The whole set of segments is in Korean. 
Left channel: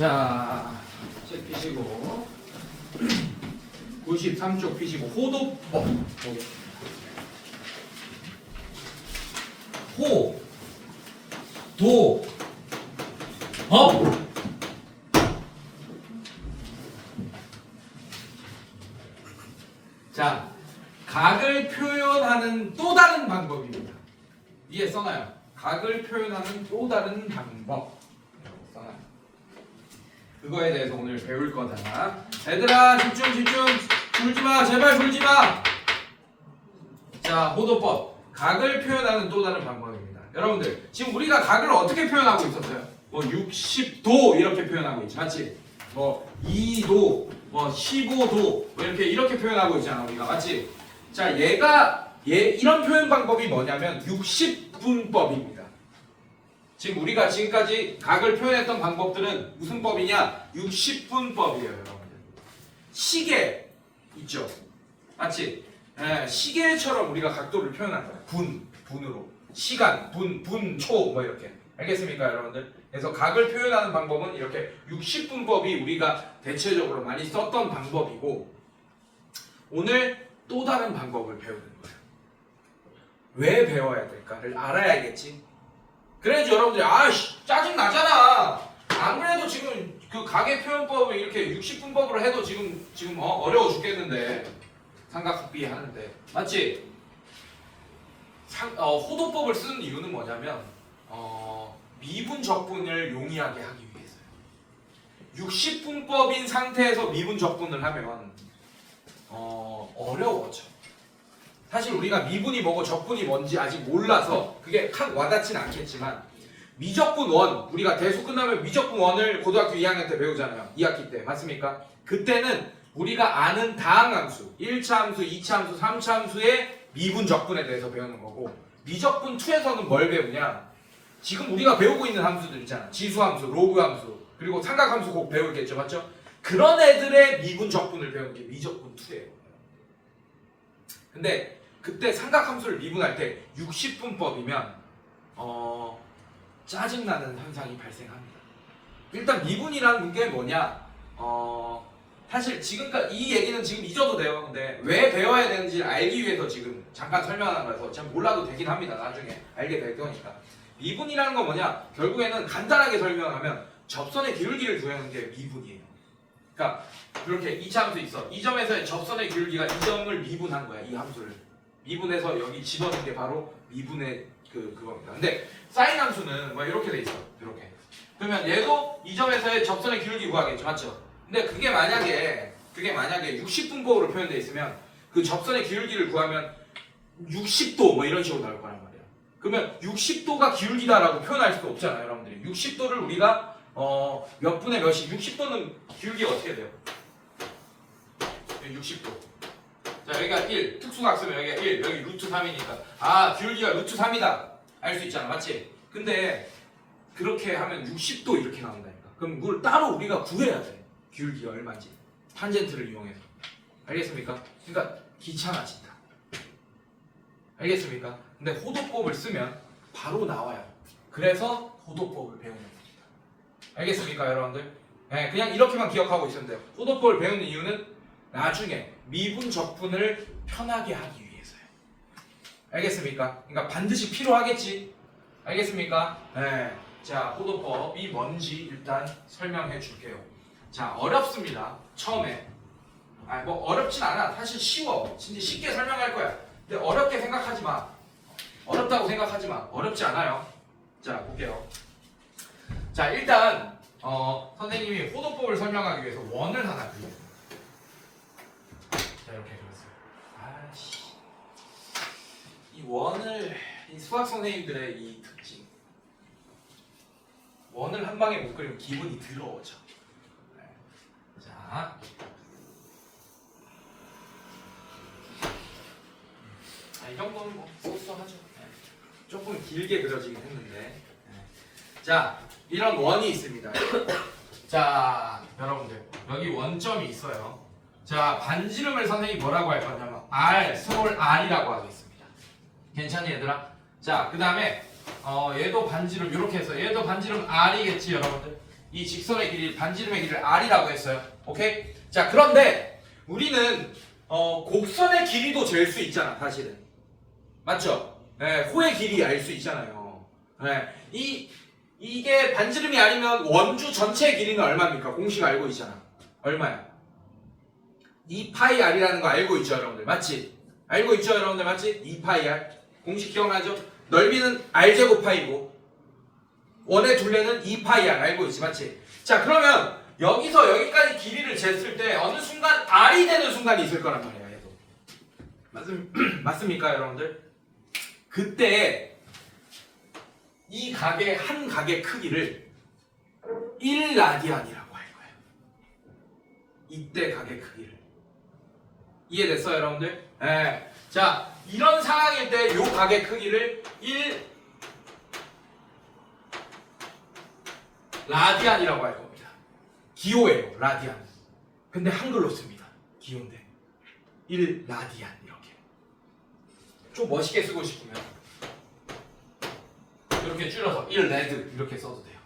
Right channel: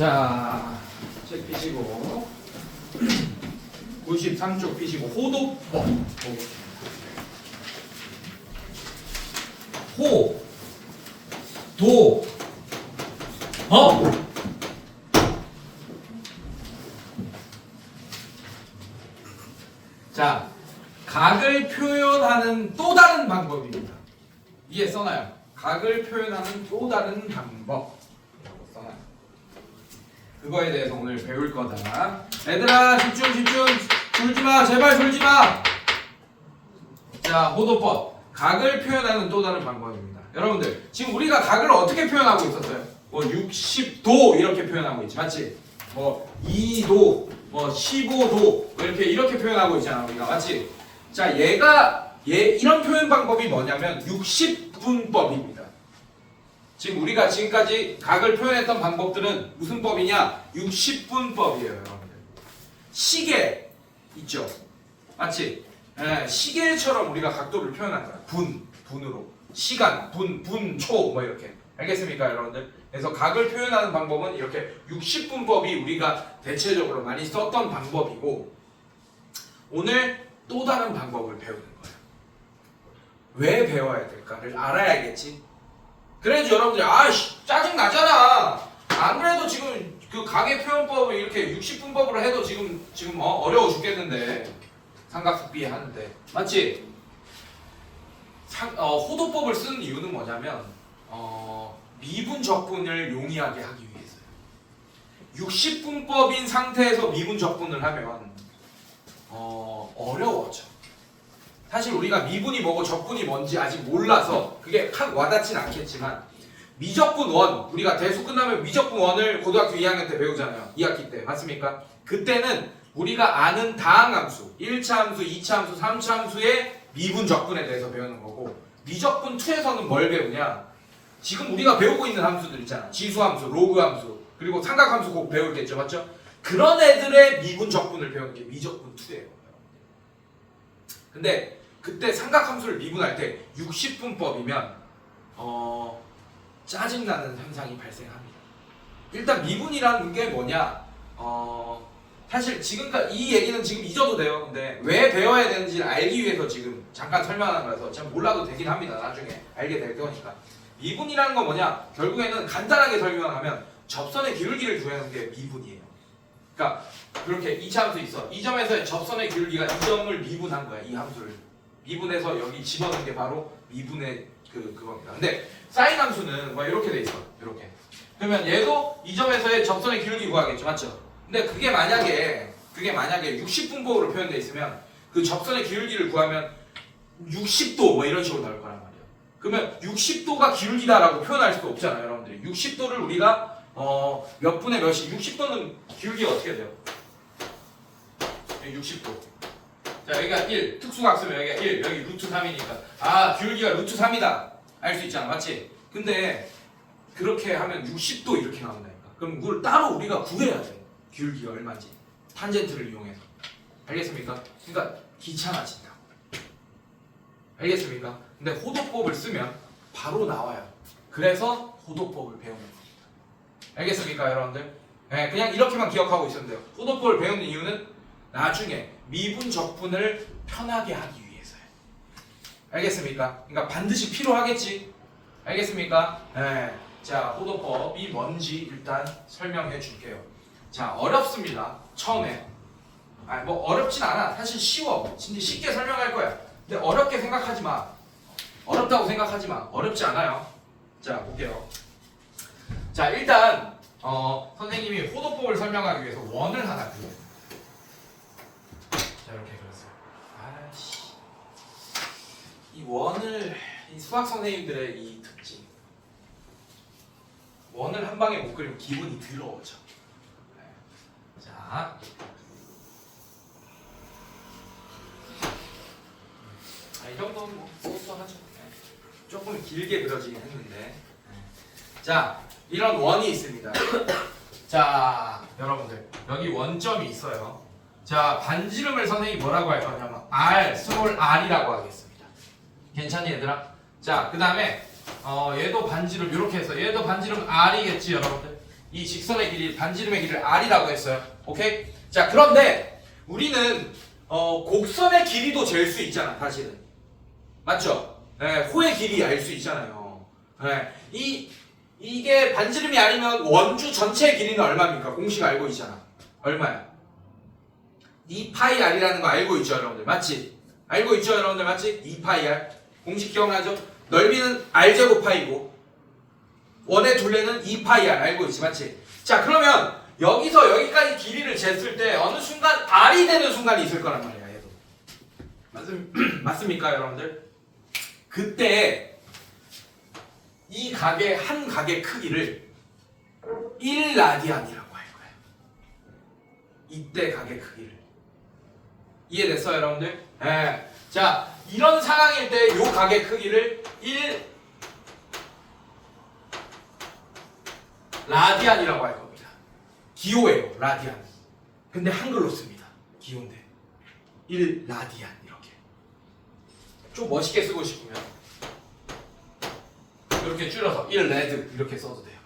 자, 책 피시고 93쪽 피시고 호도법 보겠습니다. 호, 도, 법. 자, 각을 표현하는 또 다른 방법입니다. 위에 써놔요. 각을 표현하는 또 다른 방법. 써놔요. 그거에 대해서 오늘 배울 거다. 얘들아 집중. 졸지마, 제발 졸지마. 자, 호도법. 각을 표현하는 또 다른 방법입니다. 여러분들 지금 우리가 각을 어떻게 표현하고 있었어요? 뭐 60도 이렇게 표현하고 있지, 맞지? 뭐 2도, 뭐 15도 뭐 이렇게 표현하고 있잖아 우리가, 맞지? 자, 이런 표현 방법이 뭐냐면 60분법입니다. 지금 우리가 지금까지 각을 표현했던 방법들은 무슨 법이냐? 60분법이에요, 여러분들. 시계 있죠, 맞지? 예, 시계처럼 우리가 각도를 표현한 거야. 분으로. 시간, 분, 초, 뭐 이렇게. 알겠습니까, 여러분들? 그래서 각을 표현하는 방법은 이렇게 60분법이 우리가 대체적으로 많이 썼던 방법이고, 오늘 또 다른 방법을 배우는 거예요. 왜 배워야 될까를 알아야겠지. 그래야지 여러분들이 아이씨 짜증 나잖아. 안 그래도 지금 그 각의 표현법을 이렇게 60분법으로 해도 지금 어려워 죽겠는데, 삼각흡비 하는데, 맞지? 호도법을 쓰는 이유는 뭐냐면 미분 적분을 용이하게 하기 위해서요. 60분법인 상태에서 미분 적분을 하면 어려워져. 사실 우리가 미분이 뭐고 적분이 뭔지 아직 몰라서 그게 확 와닿진 않겠지만, 미적분 원, 우리가 대수 끝나면 미적분 원을 고등학교 2학년 때 배우잖아요. 2학기 때, 맞습니까? 그때는 우리가 아는 다항함수, 1차 함수, 2차 함수, 3차 함수의 미분 적분에 대해서 배우는 거고, 미적분 2에서는 뭘 배우냐? 지금 우리가 배우고 있는 함수들 있잖아. 지수함수, 로그함수, 그리고 삼각함수 꼭 배우겠죠, 맞죠? 그런 애들의 미분 적분을 배우는 게 미적분 2예요. 근데 그때 삼각함수를 미분할 때 60분법이면 짜증나는 현상이 발생합니다. 일단 미분이라는 게 뭐냐? 사실 지금까지 이 얘기는 지금 잊어도 돼요. 근데 왜 배워야 되는지 알기 위해서 지금 잠깐 설명하는 거라서 잘 몰라도 되긴 합니다. 나중에 알게 될 거니까. 미분이라는 건 뭐냐? 결국에는 간단하게 설명하면 접선의 기울기를 구하는 게 미분이에요. 그러니까 그렇게 2차 함수 있어. 이 점에서의 접선의 기울기가 이 점을 미분한 거야. 이 함수를 미분해서 여기 집어넣은 게 바로 미분의 그겁니다. 근데 사인 함수는 뭐 이렇게 돼 있어. 이렇게. 그러면 얘도 이 점에서의 접선의 기울기 구하겠죠, 맞죠? 근데 그게 만약에 60분법으로 표현되어 있으면 그 접선의 기울기를 구하면 60도 뭐 이런 식으로 나올 거란 말이에요. 그러면 60도가 기울기다라고 표현할 수도 없잖아요, 여러분들이. 60도를 우리가 몇 분의 몇이, 60도는 기울기가 어떻게 돼요? 60도. 자, 여기가 1, 특수각 쓰면 여기가 1, 여기 루트 3이니까 아, 기울기가 루트 3이다 알 수 있잖아, 맞지? 근데 그렇게 하면 60도 이렇게 나온다니까. 그럼 그걸 따로 우리가 구해야 돼. 기울기가 얼마인지 탄젠트를 이용해서. 알겠습니까? 그러니까 귀찮아진다. 알겠습니까? 근데 호도법을 쓰면 바로 나와요. 그래서 호도법을 배우는 겁니다. 알겠습니까, 여러분들? 네, 그냥 이렇게만 기억하고 있으면 돼요. 호도법을 배우는 이유는 나중에 미분 적분을 편하게 하기 위해서요. 알겠습니까? 그러니까 반드시 필요하겠지. 알겠습니까? 네. 자, 호도법이 뭔지 일단 설명해 줄게요. 자, 어렵습니다. 처음에. 뭐 어렵진 않아. 사실 쉬워. 진짜 쉽게 설명할 거야. 근데 어렵게 생각하지 마. 어렵다고 생각하지 마. 어렵지 않아요. 자, 볼게요. 자, 일단 선생님이 호도법을 설명하기 위해서 원을 하나 그려요. 자, 이렇게 그렸어요. 아씨. 이 원을, 이 수학 선생님들의 이 특징. 원을 한 방에 못 그리면 기분이 더러워져. 자, 이 정도는 뭐 소소하죠. 조금 길게 그려지긴 했는데. 자, 이런 원이 있습니다. 자, 여러분들 여기 원점이 있어요. 자, 반지름을 선생님이 뭐라고 할 거냐면 R, 스몰 r이라고 하겠습니다. 괜찮니, 얘들아? 자, 그 다음에 얘도 반지름 이렇게 해서 얘도 반지름 r이겠지, 여러분들? 이 직선의 길이 반지름의 길이를 r이라고 했어요. 오케이? 자, 그런데 우리는 곡선의 길이도 잴 수 있잖아, 사실은. 맞죠? 네, 호의 길이 알 수 있잖아요. 네, 이게 반지름이 아니면 원주 전체의 길이는 얼마입니까? 공식 알고 있잖아. 얼마야? 2파이 r이라는 거 알고 있죠, 여러분들? 맞지? 알고 있죠, 여러분들? 맞지? 2파이 r. 공식 기억나죠? 넓이는 r제곱 파이고 원의 둘레는 2파이 r. 알고 있지, 맞지? 자, 그러면 여기서 여기까지 길이를 쟀을 때 어느 순간 r이 되는 순간이 있을 거란 말이야, 얘도. 맞습니까, 여러분들? 그때 이 각의 한 각의 크기를 1라디안이라고 할 거예요. 이때 각의 크기를. 이해됐어요, 여러분들? 네. 자, 이런 상황일 때 이 각의 크기를 1라디안이라고 할 겁니다. 기호예요, 라디안. 근데 한글로 씁니다. 기호인데 1라디안 이렇게. 좀 멋있게 쓰고 싶으면 이렇게 줄여서 1레드 이렇게 써도 돼요.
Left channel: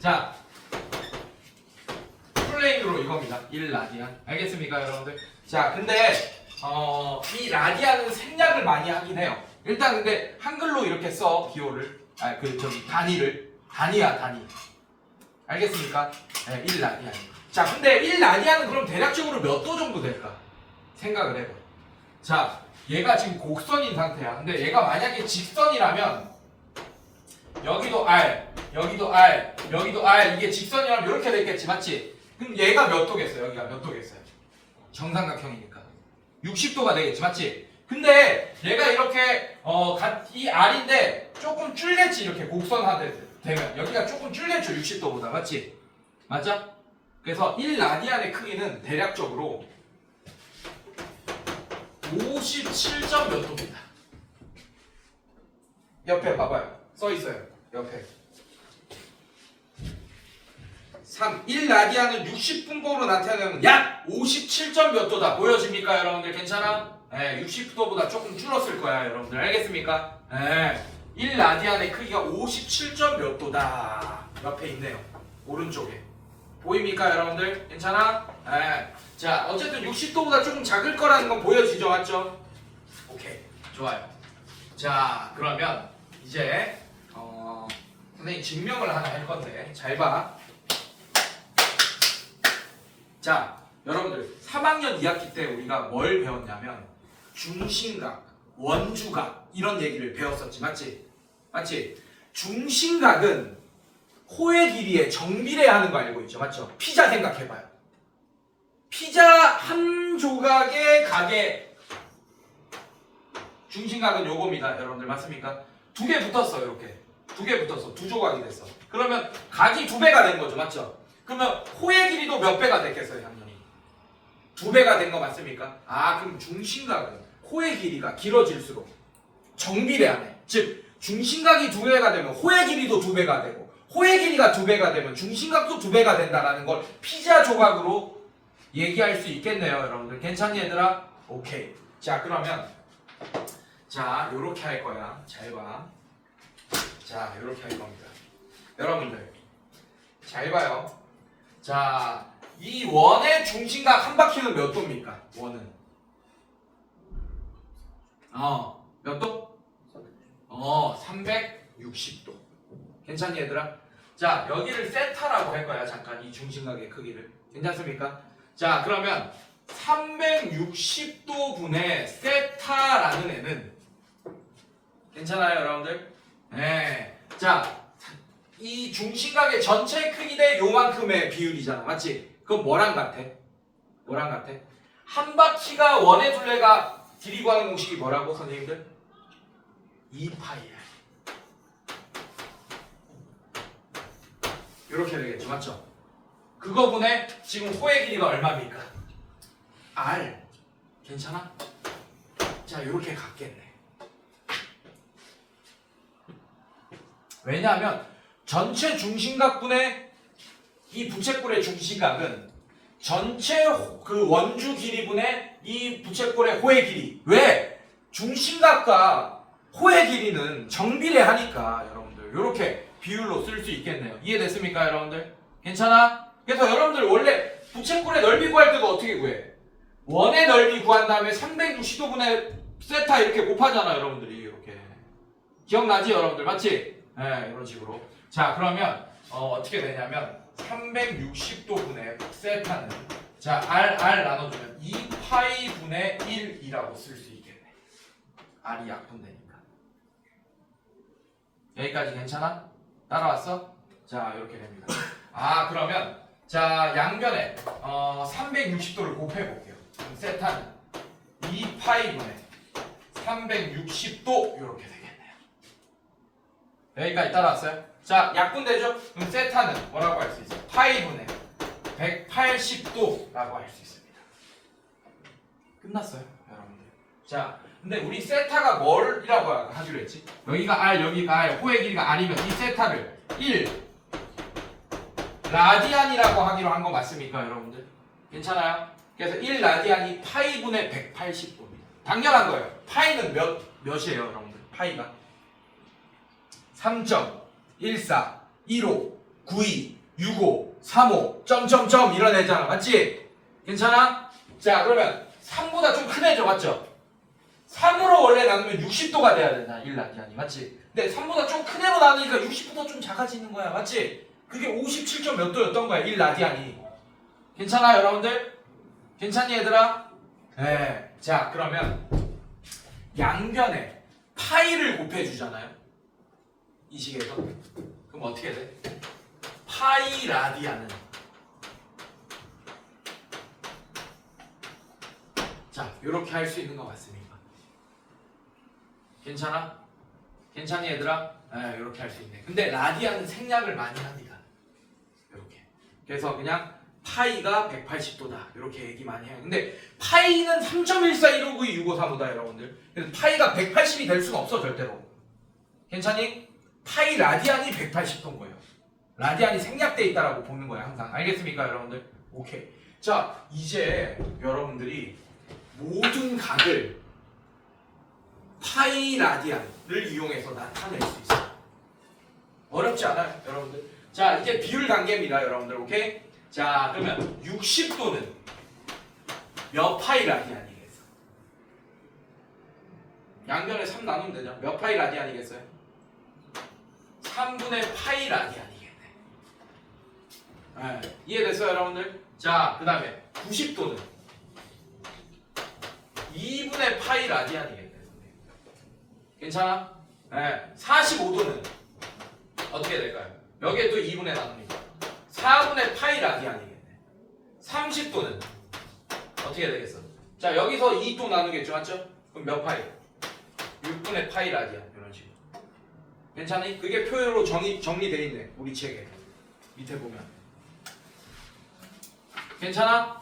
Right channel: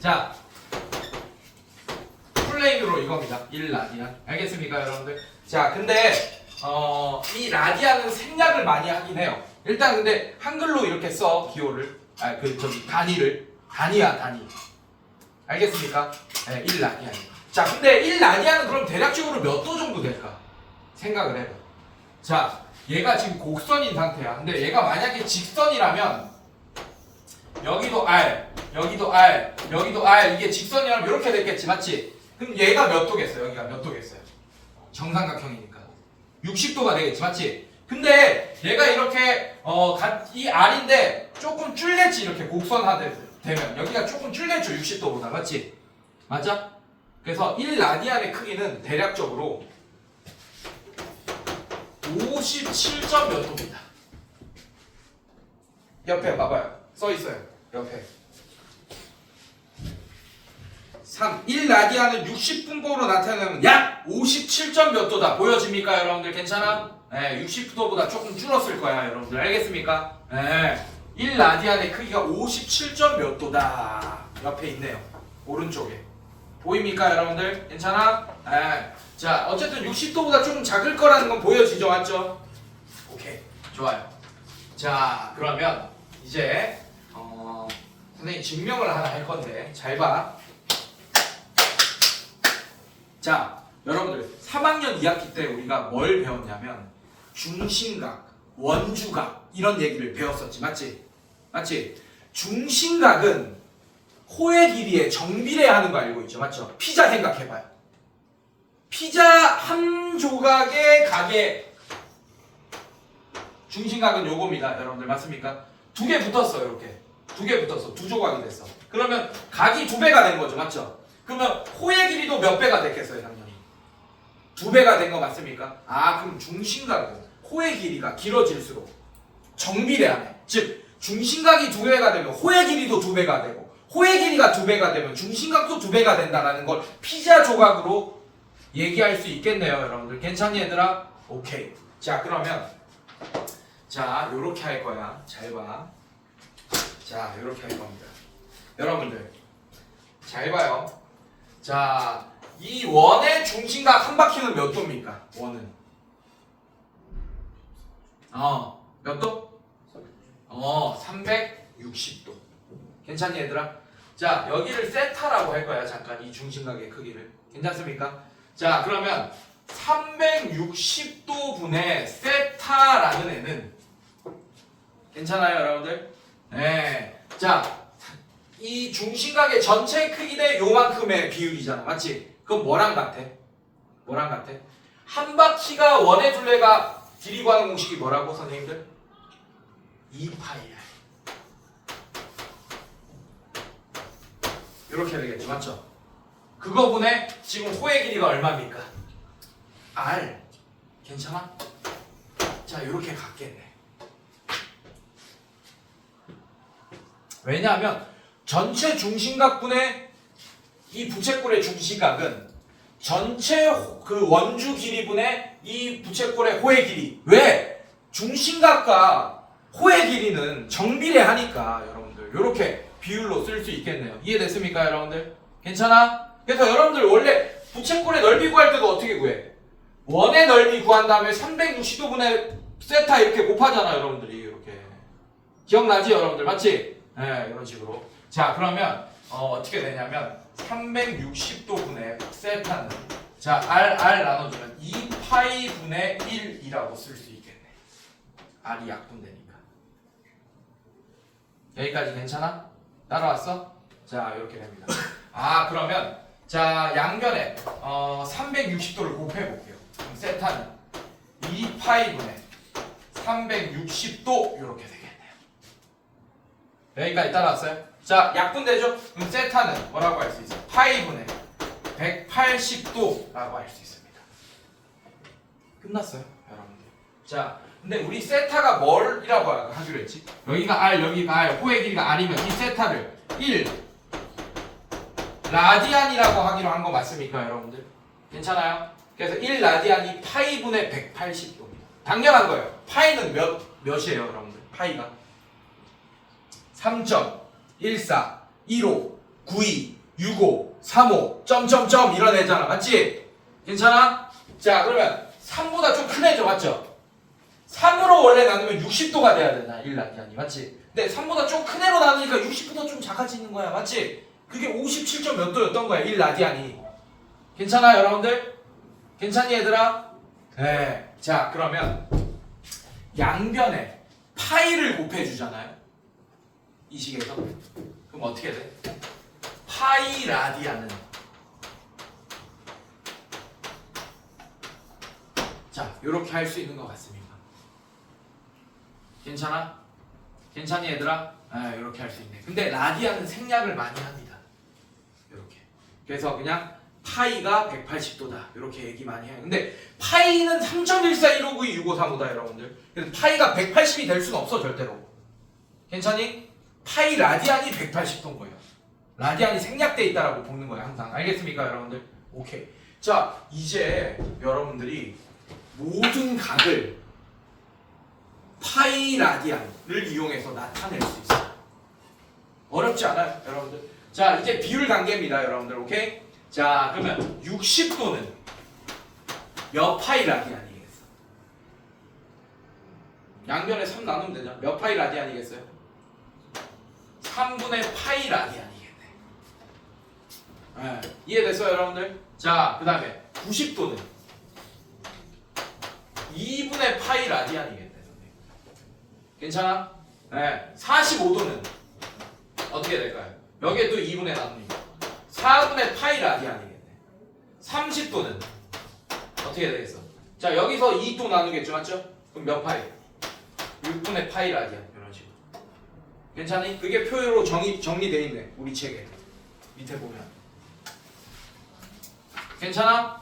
자, 플레인으로 이겁니다. 1라디안. 알겠습니까, 여러분들? 자, 근데 이 라디안은 생략을 많이 하긴 해요. 일단 근데 한글로 이렇게 써, 기호를. 단위야, 단위. 알겠습니까? 네, 1라디안. 자, 근데 1라디안은 그럼 대략적으로 몇 도 정도 될까? 생각을 해봐. 자, 얘가 지금 곡선인 상태야. 근데 얘가 만약에 직선이라면 여기도 R, 여기도 R, 여기도 R, 이게 직선이라면 이렇게 됐겠지, 맞지? 그럼 얘가 몇 도겠어요? 여기가 몇 도겠어요? 정삼각형이니까 60도가 되겠지, 맞지? 근데 얘가 이렇게 이 R인데 조금 줄겠지, 이렇게 곡선화되면 여기가 조금 줄겠죠, 60도보다, 맞지? 맞아? 그래서 1라디안의 크기는 대략적으로 57점 몇 도입니다. 옆에 봐봐요. 써 있어요. 옆에. 1라디안은 60분법으로 나타내면 약 57점 몇 도다. 보여집니까, 여러분들? 괜찮아? 네, 60도보다 조금 줄었을 거야, 여러분들. 알겠습니까? 네, 1라디안의 크기가 57점 몇 도다. 옆에 있네요. 오른쪽에. 보입니까, 여러분들? 괜찮아? 네. 자, 어쨌든 60도보다 조금 작을 거라는 건 보여지죠, 맞죠? 오케이, 좋아요. 자, 그러면 이제 선생님 증명을 하나 할 건데 잘 봐. 자, 여러분들 3학년 2학기 때 우리가 뭘 배웠냐면 중심각, 원주각 이런 얘기를 배웠었지, 맞지? 맞지? 중심각은 호의 길이에 정비례하는 거 알고 있죠, 맞죠? 피자 생각해봐요. 피자 한 조각의 각의 중심각은 요겁니다, 여러분들. 맞습니까? 두 개 붙었어, 이렇게. 두 개 붙었어. 두 조각이 됐어. 그러면 각이 두 배가 된 거죠, 맞죠? 그러면 호의 길이도 몇 배가 됐겠어요, 당연히? 두 배가 된 거 맞습니까? 아, 그럼 중심각은 호의 길이가 길어질수록 정비례하네. 즉, 중심각이 두 배가 되면 호의 길이도 두 배가 되고, 호의 길이가 두 배가 되면 중심각도 두 배가 된다는 걸 피자 조각으로 얘기할 수 있겠네요, 여러분들. 괜찮니, 얘들아? 오케이. 자, 그러면 자, 요렇게 할 거야. 잘 봐. 자, 요렇게 할 겁니다. 여러분들 잘 봐요. 자, 이 원의 중심각 한 바퀴는 몇 도입니까? 원은 몇 도? 360도. 괜찮니, 얘들아? 자, 여기를 세타라고 할 거야. 잠깐 이 중심각의 크기를. 괜찮습니까? 자, 그러면 360도 분의 세타라는 애는 괜찮아요, 여러분들? 네. 자, 이 중심각의 전체 크기 대 요만큼의 비율이잖아, 맞지? 그럼 뭐랑 같아? 뭐랑 같아? 한 바퀴가 원의 둘레가 길이 구하는 공식이 뭐라고, 선생님들? 2파이야. 이렇게 되겠죠, 맞죠? 그거 분의 지금 호의 길이가 얼마입니까? R. 괜찮아? 자, 이렇게 갖겠네. 왜냐하면 전체 중심각분의 이 부채꼴의 중심각은 전체 그 원주 길이분의 이 부채꼴의 호의 길이. 왜? 중심각과 호의 길이는 정비례하니까 여러분들 이렇게 비율로 쓸 수 있겠네요. 이해됐습니까 여러분들? 괜찮아? 그래서 여러분들 원래 부채꼴의 넓이 구할 때도 어떻게 구해? 원의 넓이 구한 다음에 360도분의 세타 이렇게 곱하잖아 여러분들이. 이렇게 기억나지 여러분들? 맞지? 네, 이런 식으로. 자 그러면 어떻게 되냐면 360도분의 세타는 자 r 나눠주면 2파이분의 1이라고 쓸 수 있겠네. r이 약분되니까. 여기까지 괜찮아? 따라왔어? 자 이렇게 됩니다. 아 그러면 자 양변에 360도를 곱해볼게요. 그럼 세타는 2파이분의 360도 이렇게 되겠네요. 여기까지 따라왔어요? 자 약분되죠? 그럼 세타는 뭐라고 할 수 있어요? 파이분의 180도라고 할 수 있습니다. 끝났어요 여러분들. 자 근데 우리 세타가 뭘이라고 하기로 했지? 여기가 r 여기가 r 호의 길이가 r이면 이 세타를 1 라디안이라고 하기로 한 거 맞습니까 여러분들? 괜찮아요? 그래서 1 라디안이 파이분의 180도입니다. 당연한 거예요. 파이는 몇이에요 여러분들? 파이가 3.14 15 92 65 35 점점점 이런 애잖아. 맞지? 괜찮아? 자 그러면 3보다 좀 큰 애죠. 맞죠? 3으로 원래 나누면 60도가 돼야 되나 1 라디안이. 맞지? 근데 3보다 좀 큰 애로 나누니까 60보다 좀 작아지는 거야. 맞지? 그게 57점 몇 도였던 거야 1 라디안이. 괜찮아 여러분들? 괜찮니 얘들아? 네. 자 그러면 양변에 파이를 곱해주잖아요 이 식에서. 그럼 어떻게 돼? 파이 라디안은 자 이렇게 할 수 있는 것 같습니다. 괜찮아? 괜찮니 얘들아? 네, 이렇게 할 수 있네. 근데 라디안은 생략을 많이 합니다. 이렇게. 그래서 그냥 파이가 180도다 이렇게 얘기 많이 해요. 근데 파이는 3.1415926535다 여러분들. 그래서 파이가 180이 될 수는 없어 절대로. 괜찮니? 파이 라디안이 180도인 거예요. 라디안이 생략돼 있다라고 보는 거예요 항상. 알겠습니까 여러분들? 오케이. 자 이제 여러분들이 모든 각을 파이 라디안을 이용해서 나타낼 수 있어요. 어렵지 않아요 여러분들? 자 이제 비율 관계입니다 여러분들. 오케이? 자 그러면 60도는 몇 파이 라디안이겠어? 양변에 3 나누면 되죠. 몇 파이 라디안이겠어요? 3분의 파이 라디안이겠네. 네, 이해됐어요 여러분들? 자 그 다음에 90도는 2분의 파이 라디안이겠네. 괜찮아? 네, 45도는 어떻게 될까요? 여기에 또 2분의 나눕니다. 4분의 파이 라디안이겠네. 30도는 어떻게 되겠어? 자 여기서 2또 나누겠죠 맞죠? 그럼 몇 파이? 6분의 파이 라디안 이런 식으로. 괜찮니? 그게 표로 정리되어 있네 우리 책에 밑에 보면. 괜찮아?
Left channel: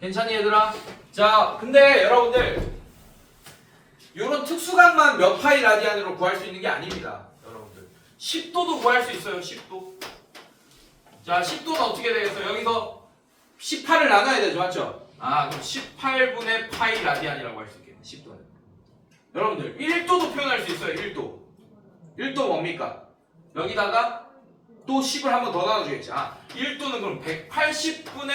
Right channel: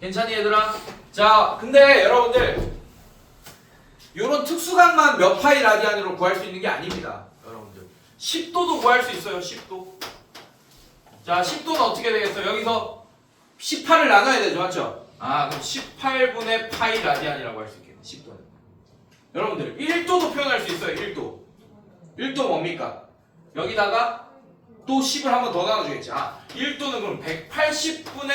괜찮니 얘들아? 자 근데 여러분들 이런 특수각만 몇 파이 라디안으로 구할 수 있는 게 아닙니다 여러분들. 10도도 구할 수 있어요. 10도. 자 10도는 어떻게 되겠어? 여기서 18을 나눠야 되죠 맞죠? 아 그럼 18분의 파이 라디안이라고 할 수 있겠네 10도는. 여러분들 1도도 표현할 수 있어요. 1도. 1도 뭡니까? 여기다가 또 10을 한 번 더 나눠주겠지. 아 1도는 그럼 180분의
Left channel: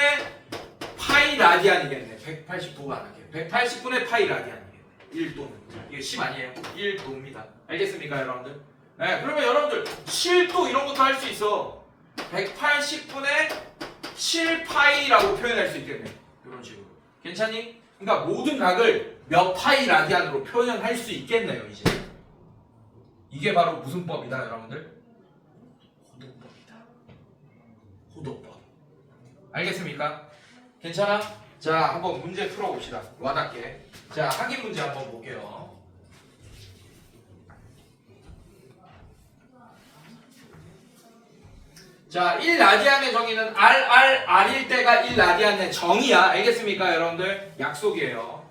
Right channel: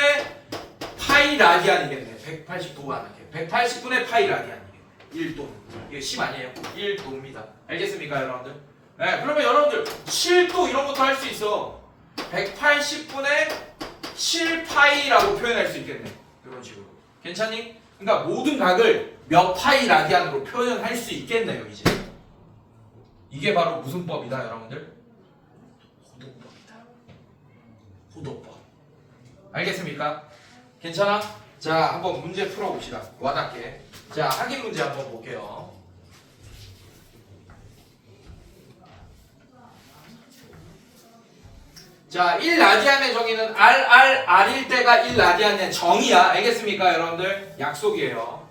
파이 라디안이겠네. 180도가 아니겠네. 180분의 파이 라디안이겠네. 1도는. 이게 10 아니에요? 1도입니다. 알겠습니까 여러분들? 네 그러면 여러분들 7도 이런 것도 할 수 있어. 180분의 7파이라고 표현할 수 있겠네. 이런 식으로. 괜찮니? 그러니까 모든 각을 몇 파이 라디안으로 표현할 수 있겠네요 이제. 이게 바로 무슨 법이다 여러분들? 호도법이다. 호도법. 알겠습니까? 괜찮아? 자 한번 문제 풀어봅시다. 와닿게. 자 확인 문제 한번 볼게요. 자 1라디안의 정의는 R일 때가 1라디안의 정의야. 알겠습니까 여러분들? 약속이에요.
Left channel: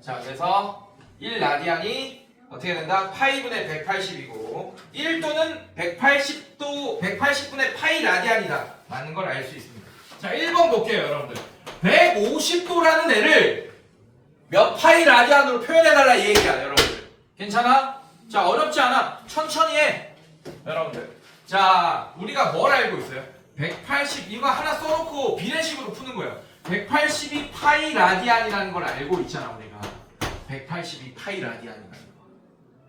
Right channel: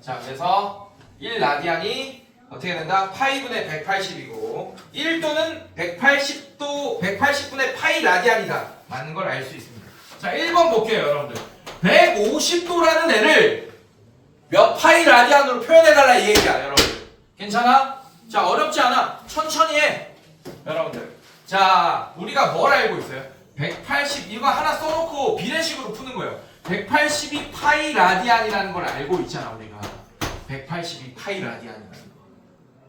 자 그래서 1라디안이 어떻게 된다? 파이분의 180이고 1도는 180분의 파이 라디안이다. 맞는 걸 알 수 있습니다. 자 1번 볼게요 여러분들. 150도라는 애를 몇 파이 라디안으로 표현해달라 이 얘기야 여러분. 괜찮아? 자, 어렵지 않아. 천천히 해. 여러분들. 자, 우리가 뭘 알고 있어요? 180 이거 하나 써놓고 비례식으로 푸는 거예요. 180이 파이 라디안이라는 걸 알고 있잖아 우리가. 180이 파이 라디안이라는 거.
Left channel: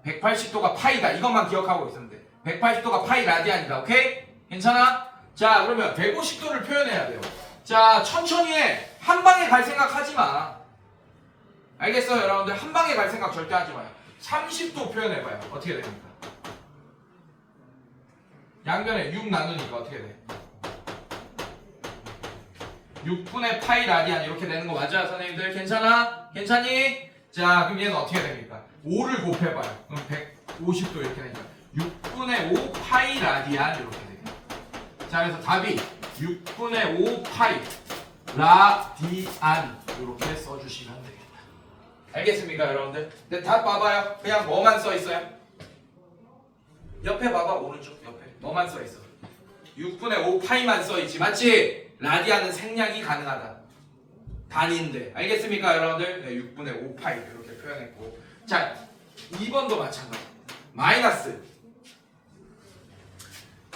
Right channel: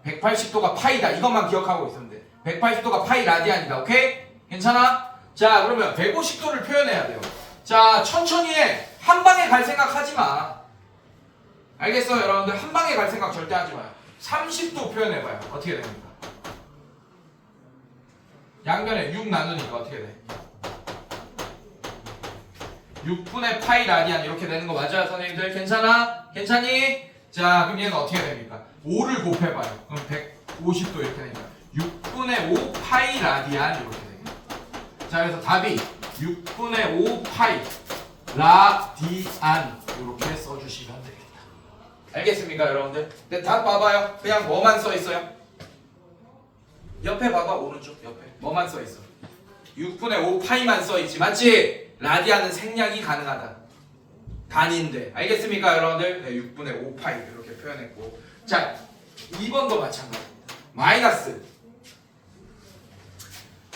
180도가 파이다. 이것만 기억하고 있으면 돼. 180도가 파이 라디안이다. 오케이? 괜찮아? 자, 그러면 150도를 표현해야 돼요. 자, 천천히 해. 한 방에 갈 생각 하지 마. 알겠어요, 여러분들? 한 방에 갈 생각 절대 하지 마요. 30도 표현해봐요. 어떻게 됩니까? 양변에 6 나누니까 어떻게 돼? 6분의 파이 라디안 이렇게 되는 거 맞아요, 선생님들? 괜찮아? 괜찮니? 자, 그럼 얘는 어떻게 됩니까? 5를 곱해봐요. 그럼 150도 이렇게 되니까 6분의 5 파이 라디안 이렇게 됩니다. 자, 그래서 답이 6분의 5 파이 라디안 이렇게 써주시면 되겠다. 알겠습니까, 여러분들? 근데 답 봐봐요. 그냥 뭐만 써 있어요? 옆에 봐봐, 오른쪽 옆에 뭐만 써 있어? 6분의 5 파이만 써 있지, 맞지? 라디안은 생략이 가능하다. 단위인데, 알겠습니까, 여러분들? 네, 6분의 5 파이 이렇게 표현했고, 자, 2번도 마찬가지입니다. 마이너스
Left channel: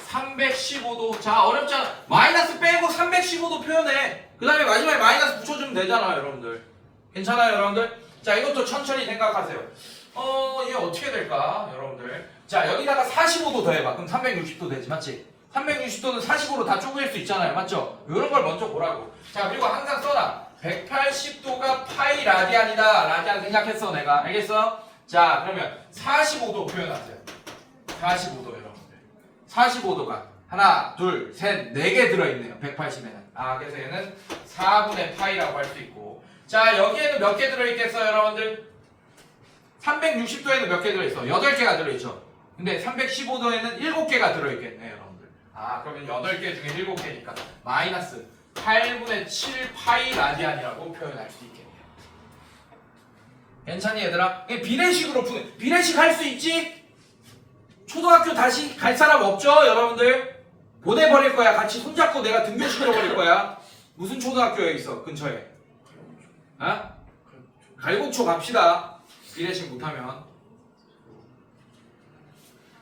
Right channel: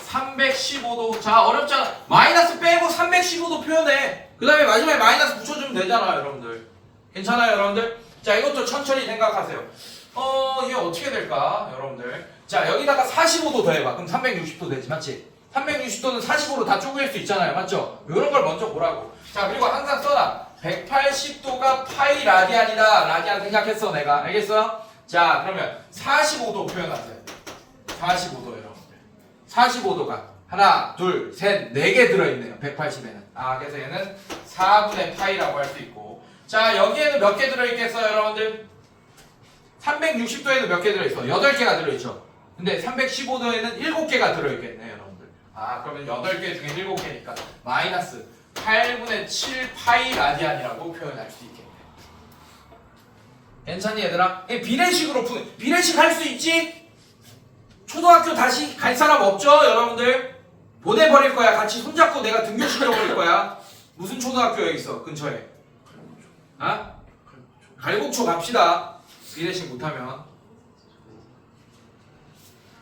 315도. 자, 어렵잖아. 마이너스 빼고 315도 표현해. 그 다음에 마지막에 마이너스 붙여주면 되잖아, 여러분들. 괜찮아요, 여러분들? 자, 이것도 천천히 생각하세요. 이게 어떻게 될까, 여러분들? 자, 여기다가 45도 더해봐. 그럼 360도 되지, 맞지? 360도는 45로 다 쪼갤 수 있잖아요, 맞죠? 이런 걸 먼저 보라고. 자, 그리고 항상 써놔. 180도가 파이 라디안이다. 라디안 생각했어, 내가. 알겠어? 자, 그러면 45도 표현하세요. 45도, 여러분들. 45도가 하나, 둘, 셋, 4개 들어있네요. 180에는. 아, 그래서 얘는 4분의 파이라고 할 수 있고. 자, 여기에는 몇 개 들어있겠어요, 여러분들? 360도에는 몇 개 들어있어? 8개가 들어있죠. 근데 315도에는 7개가 들어있겠네, 여러분들. 아, 그러면 8개 중에 7개니까 마이너스 8분의 7 파이 라디안이라고 표현할 수 있겠네. 괜찮니, 얘들아? 비례식으로 푸는, 비례식 할 수 있지? 초등학교 다시 갈 사람 없죠, 여러분들? 보내버릴 거야. 같이 손잡고 내가 등교시켜버릴 거야. 무슨 초등학교에 있어, 근처에? 아? 갈곡초 갑시다. 비례식 못하면.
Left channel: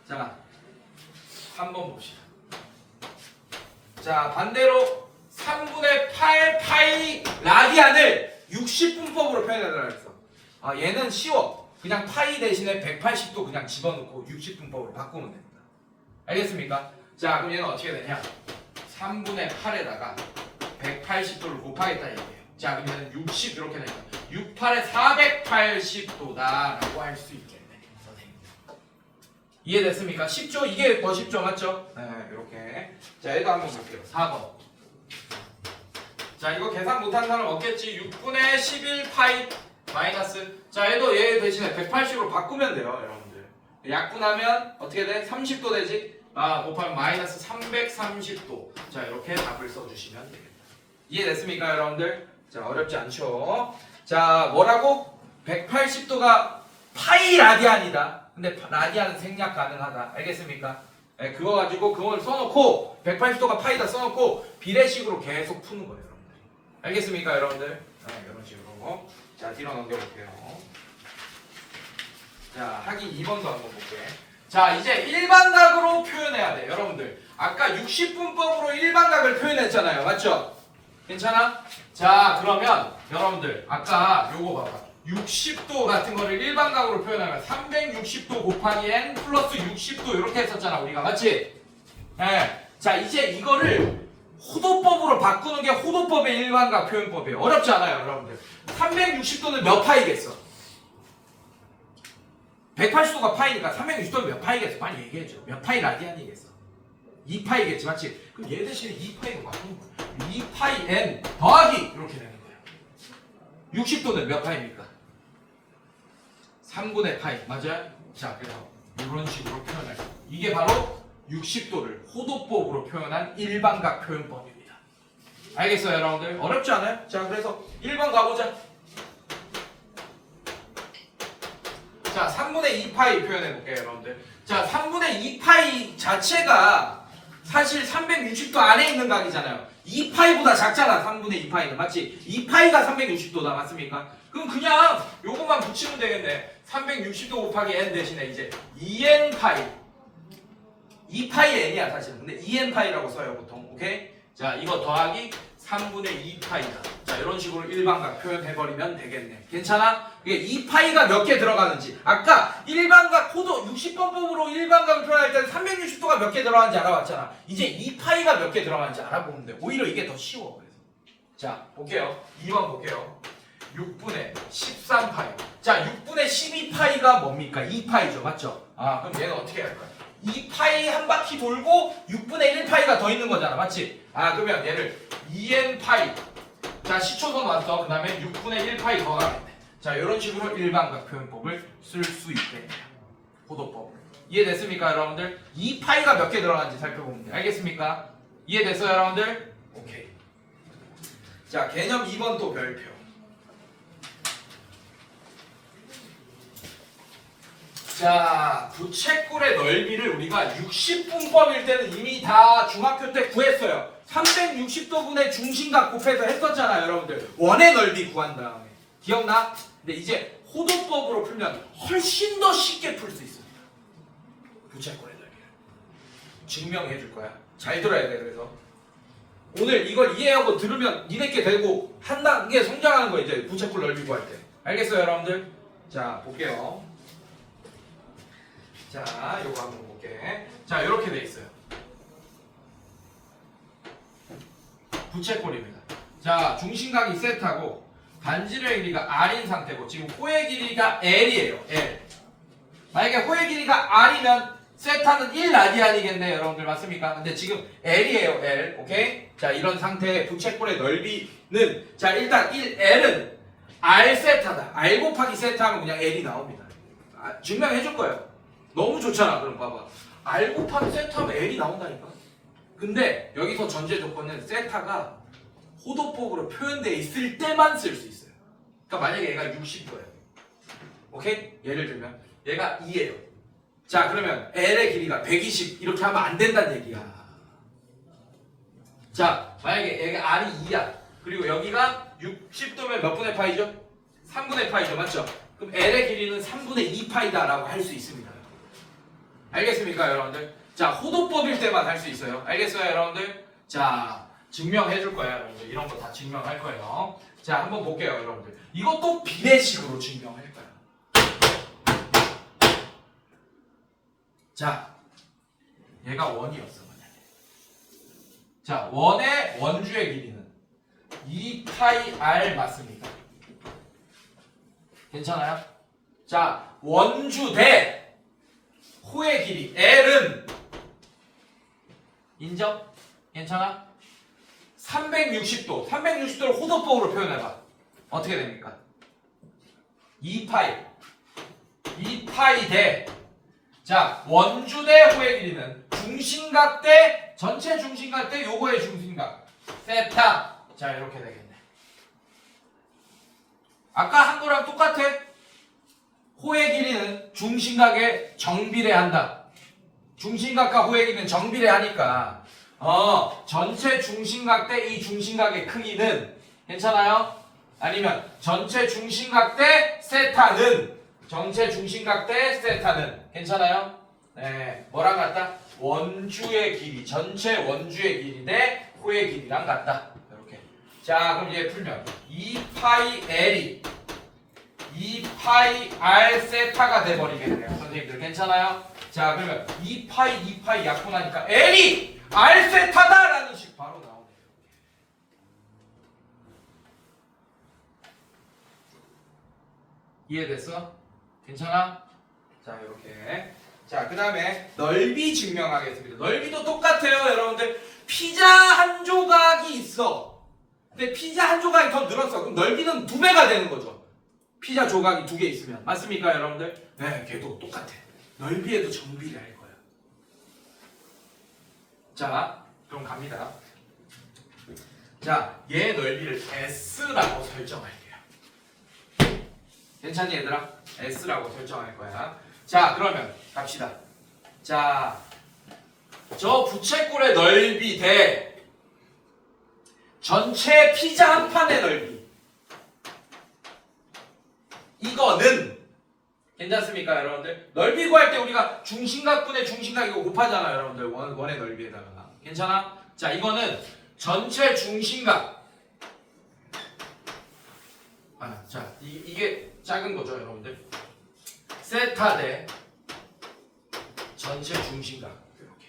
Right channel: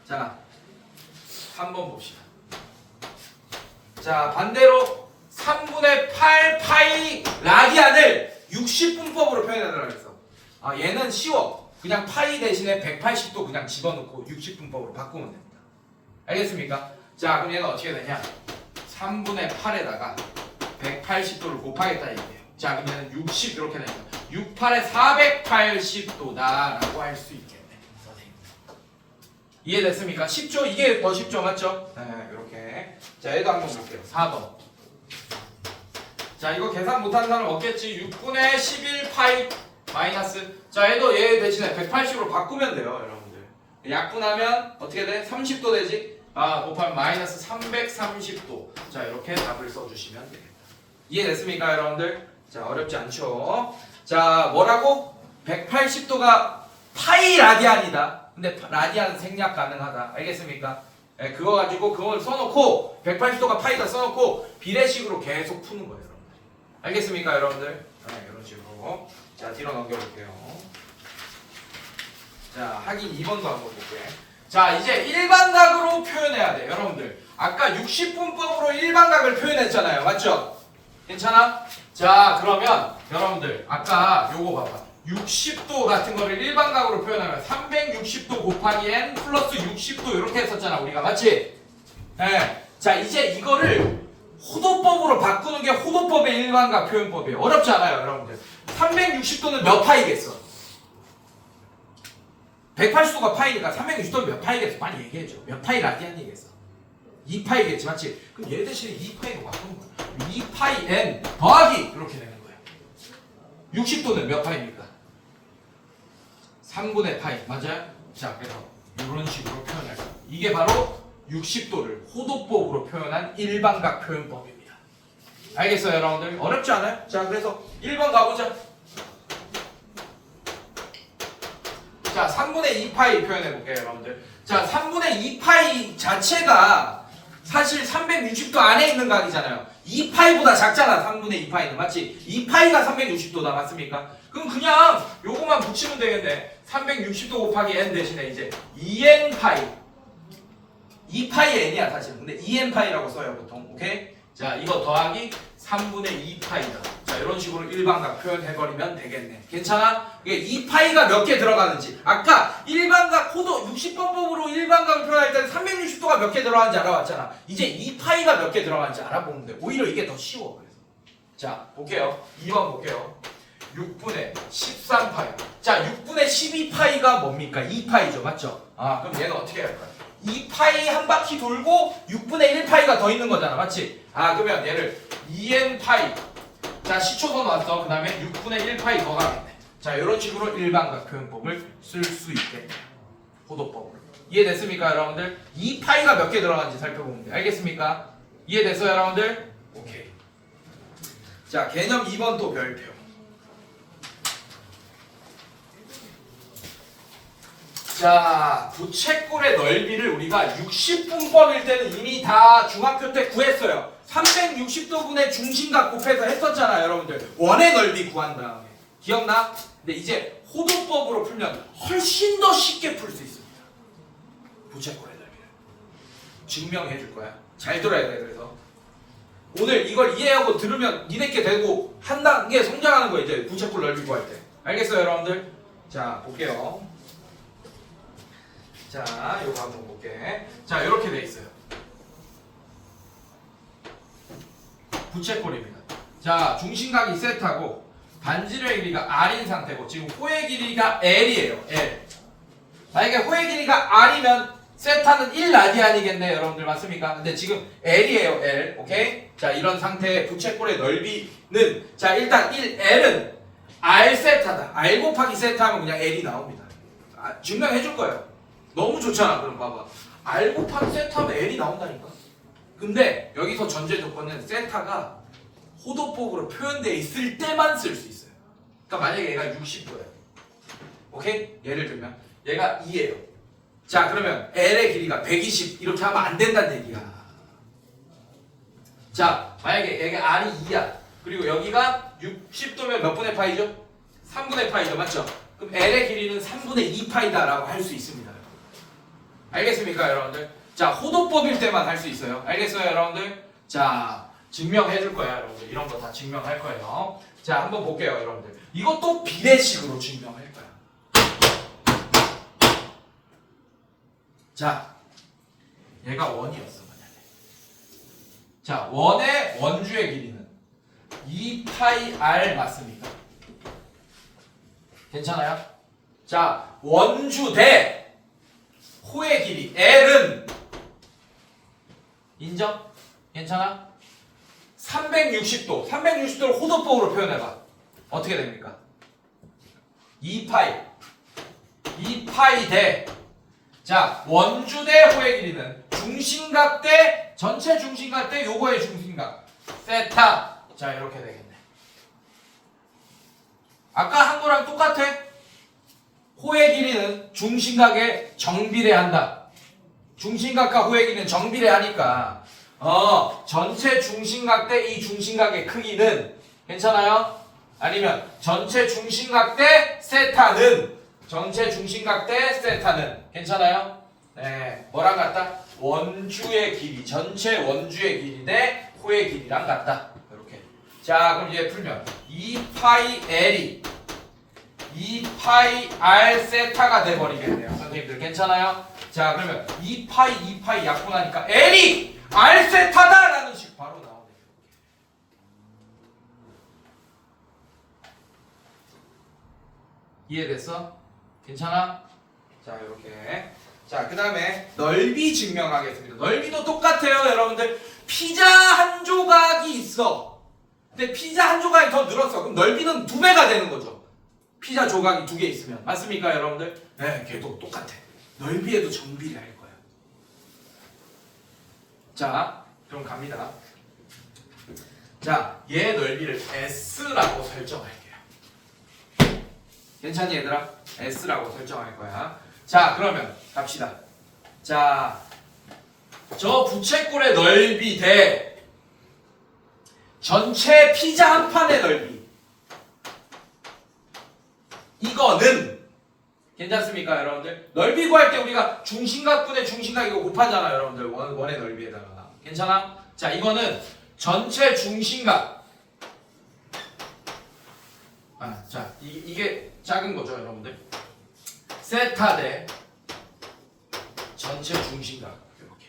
자, 한번 봅시다. 자, 반대로 3분의 8 파이 라디안을 60분법으로 표현하더라 그랬어. 아, 얘는 쉬워. 그냥 파이 대신에 180도 그냥 집어넣고 60분법으로 바꾸면 됩니다. 알겠습니까? 자, 그럼 얘는 어떻게 되냐? 3분의 8에다가 180도를 곱하겠다 이거예요. 자, 그럼 얘는 60 이렇게 되니까 68에 480도다라고 할 수 있겠네. 선생님. 이해됐습니까? 쉽죠? 이게 더 쉽죠? 맞죠? 네, 이렇게. 자, 얘도 한번 볼게요. 4번. 자, 이거 계산 못한 사람 없겠지? 6분의 11 파이 마이너스. 자, 얘도 얘 대신에 180으로 바꾸면 돼요, 여러분들. 약분하면 어떻게 돼? 30도 되지? 아, 곱하면 마이너스 330도. 자, 이렇게 답을 써주시면 되겠다. 이해됐습니까, 여러분들? 자, 어렵지 않죠? 자, 뭐라고? 180도가 파이 라디안이다. 근데 라디안은 생략 가능하다. 알겠습니까? 네, 그거 가지고 그걸 써놓고 180도가 파이다 써놓고 비례식으로 계속 푸는 거예요, 여러분들. 알겠습니까, 여러분들? 네, 이런 식으로. 자, 뒤로 넘겨볼게요. 자, 하긴 2번도 한번 볼게요. 자, 이제 일반각으로 표현해야 돼, 여러분들. 아까 60분법으로 일반각을 표현했잖아요, 맞죠? 괜찮아? 자, 그러면 여러분들 아까 요거 봐봐. 60도 같은 거를 일반각으로 표현하면 360도 곱하기 n 플러스 60도 이렇게 했었잖아, 우리가. 맞지? 네. 자, 이제 이거를 호도법으로 바꾸는 게 호도법의 일반각 표현법이에요. 어렵지 않아요, 여러분들. 360도는 몇 파이겠어? 180도가 파이니까 360도는 몇 파이겠어? 빨리 얘기해줘. 몇 파이 라디안이겠어? 2파이겠지, 맞지? 그럼 얘 대신에 2파이로 바꾸는 거야. 2파이 n 더하기 이렇게 되는 거야. 60도는 몇 파이입니까? 3분의 파이, 맞아요? 자, 그래서 이런 식으로 표현할 거야. 이게 바로 60도를 호도법으로 표현한 일반각 표현법입니다. 알겠어요, 여러분들? 어렵지 않아요? 자, 그래서 1번 가보자. 자, 3분의 2파이 표현해볼게요, 여러분들. 자, 3분의 2파이 자체가 사실 360도 안에 있는 각이잖아요. 2파이보다 작잖아, 3분의 2파이는. 맞지? 2파이가 360도다, 맞습니까? 그럼 그냥 요거만 붙이면 되겠네. 360도 곱하기 n 대신에 이제 2n 파이 2파이 n이야 사실은. 근데 2n 파이라고 써요 보통. 오케이? 자 이거 더하기 3분의 2 파이다. 자 이런 식으로 일반각 표현해버리면 되겠네. 괜찮아? 이게 2파이가 몇 개 들어가는지. 아까 일반각 호도 60번법으로 일반각을 표현할 때는 360도가 몇 개 들어가는지 알아봤잖아. 이제 2파이가 몇 개 들어가는지 알아보면 돼. 오히려 이게 더 쉬워. 그래서 자 볼게요. 2번 볼게요. 6분의 13파이. 자 6분의 12파이가 뭡니까? 2파이죠. 맞죠? 아 그럼 얘는 어떻게 할까요? 2파이 한 바퀴 돌고 6분의 1파이가 더 있는 거잖아. 맞지? 아 그러면 얘를 2n파이. 자 시초도 나왔어. 그 다음에 6분의 1파이 더 가겠네. 자 이런 식으로 일반각 표현법을 쓸 수 있겠네요. 호도법으로. 이해됐습니까 여러분들? 2파이가 몇 개 들어가는지 살펴보면 돼. 알겠습니까? 이해됐어요 여러분들? 오케이. 자 개념 2번 또 별표. 자, 부채꼴의 넓이를 우리가 60분법일 때는 이미 다 중학교 때 구했어요. 360도분의 중심각 곱해서 했었잖아요, 여러분들. 원의 넓이 구한 다음에. 기억나? 근데 이제 호도법으로 풀면 훨씬 더 쉽게 풀 수 있습니다. 부채꼴의 넓이를. 증명해 줄 거야. 잘 들어야 돼, 그래서. 오늘 이걸 이해하고 들으면 니네께 되고 한 단계 성장하는 거예요, 이제 부채꼴 넓이 구할 때. 알겠어요, 여러분들? 자, 볼게요. 자, 요거 한번 볼게. 자, 이렇게 돼 있어요. 부채꼴입니다. 자, 중심각이 세타고 반지름의 길이가 r인 상태고 지금 호의 길이가 l이에요. l. 만약에 호의 길이가 r이면 세타는 1라디안이겠네, 여러분들 맞습니까? 근데 지금 l이에요, l. 오케이? 자, 이런 상태의 부채꼴의 넓이는 자, 일단 1l은 r 세타다. r 곱하기 세타하면 그냥 l이 나옵니다. 증명해 줄 거예요. 너무 좋잖아. 그럼 봐봐. r 곱하기 세타하면 l이 나온다니까. 근데 여기서 전제 조건은 세타가 호도법으로 표현되어 있을 때만 쓸 수 있어요. 그러니까 만약에 얘가 60도예요. 오케이? 예를 들면 얘가 2예요. 자 그러면 l의 길이가 120 이렇게 하면 안 된다는 얘기야. 자 만약에 얘가 r이 2야. 그리고 여기가 60도면 몇 분의 파이죠? 3분의 파이죠. 맞죠? 그럼 l의 길이는 3분의 2파이다 라고 할 수 있습니다. 알겠습니까 여러분들? 자 호도법일 때만 할 수 있어요. 알겠어요 여러분들? 자 증명해 줄 거야 여러분들. 이런 거 다 증명할 거예요. 자 한번 볼게요 여러분들. 이것도 비례식으로 증명할 거야. 자 얘가 원이었어 만약에. 자 원의 원주의 길이는 2파이 r 맞습니까? 괜찮아요? 자 원주 대 호의 길이 L은 인정? 괜찮아? 360도 360도를 호도법으로 표현해봐. 어떻게 됩니까? 2파이 대 자 원주 대 호의 길이는 중심각 대 전체 중심각 대 요거의 중심각 세타. 자 이렇게 되겠네. 아까 한 거랑 똑같아. 호의 길이는 중심각에 정비례한다. 중심각과 호의 길이는 정비례하니까 전체 중심각 대 이 중심각의 크기는 괜찮아요? 아니면 전체 중심각 대 세타는 전체 중심각 대 세타는 괜찮아요? 네, 뭐랑 같다? 원주의 길이 전체 원주의 길이 대 호의 길이랑 같다. 이렇게. 자 그럼 이제 풀면 2파이 l이 2파이 r 세타가 돼버리겠네요. 선생님들 괜찮아요? 자 그러면 2파이 약분하니까 l이 r 세타다 라는 식 바로 나오네요. 이해됐어? 괜찮아? 자 이렇게. 자 그 다음에 넓이 증명하겠습니다. 넓이도 똑같아요 여러분들. 피자 한 조각이 있어. 근데 피자 한 조각이 더 늘었어. 그럼 넓이는 2배가 되는 거죠. 피자 조각이 2개 있으면. 맞습니까 여러분들? 네, 걔도 똑같아. 넓이에도 정비를 할 거예요. 자, 그럼 갑니다. 자, 얘 넓이를 S라고 설정할게요. 괜찮니 얘들아? S라고 설정할 거야. 자, 그러면 갑시다. 자, 저 부채꼴의 넓이 대 전체 피자 한 판의 넓이. 이거는 괜찮습니까 여러분들? 넓이 구할 때 우리가 중심각분의 중심각 이거 곱하잖아요 여러분들. 원의 넓이에다가. 괜찮아? 자 이거는 전체 중심각. 자 이게 작은 거죠 여러분들. 세타 대 전체 중심각 이렇게.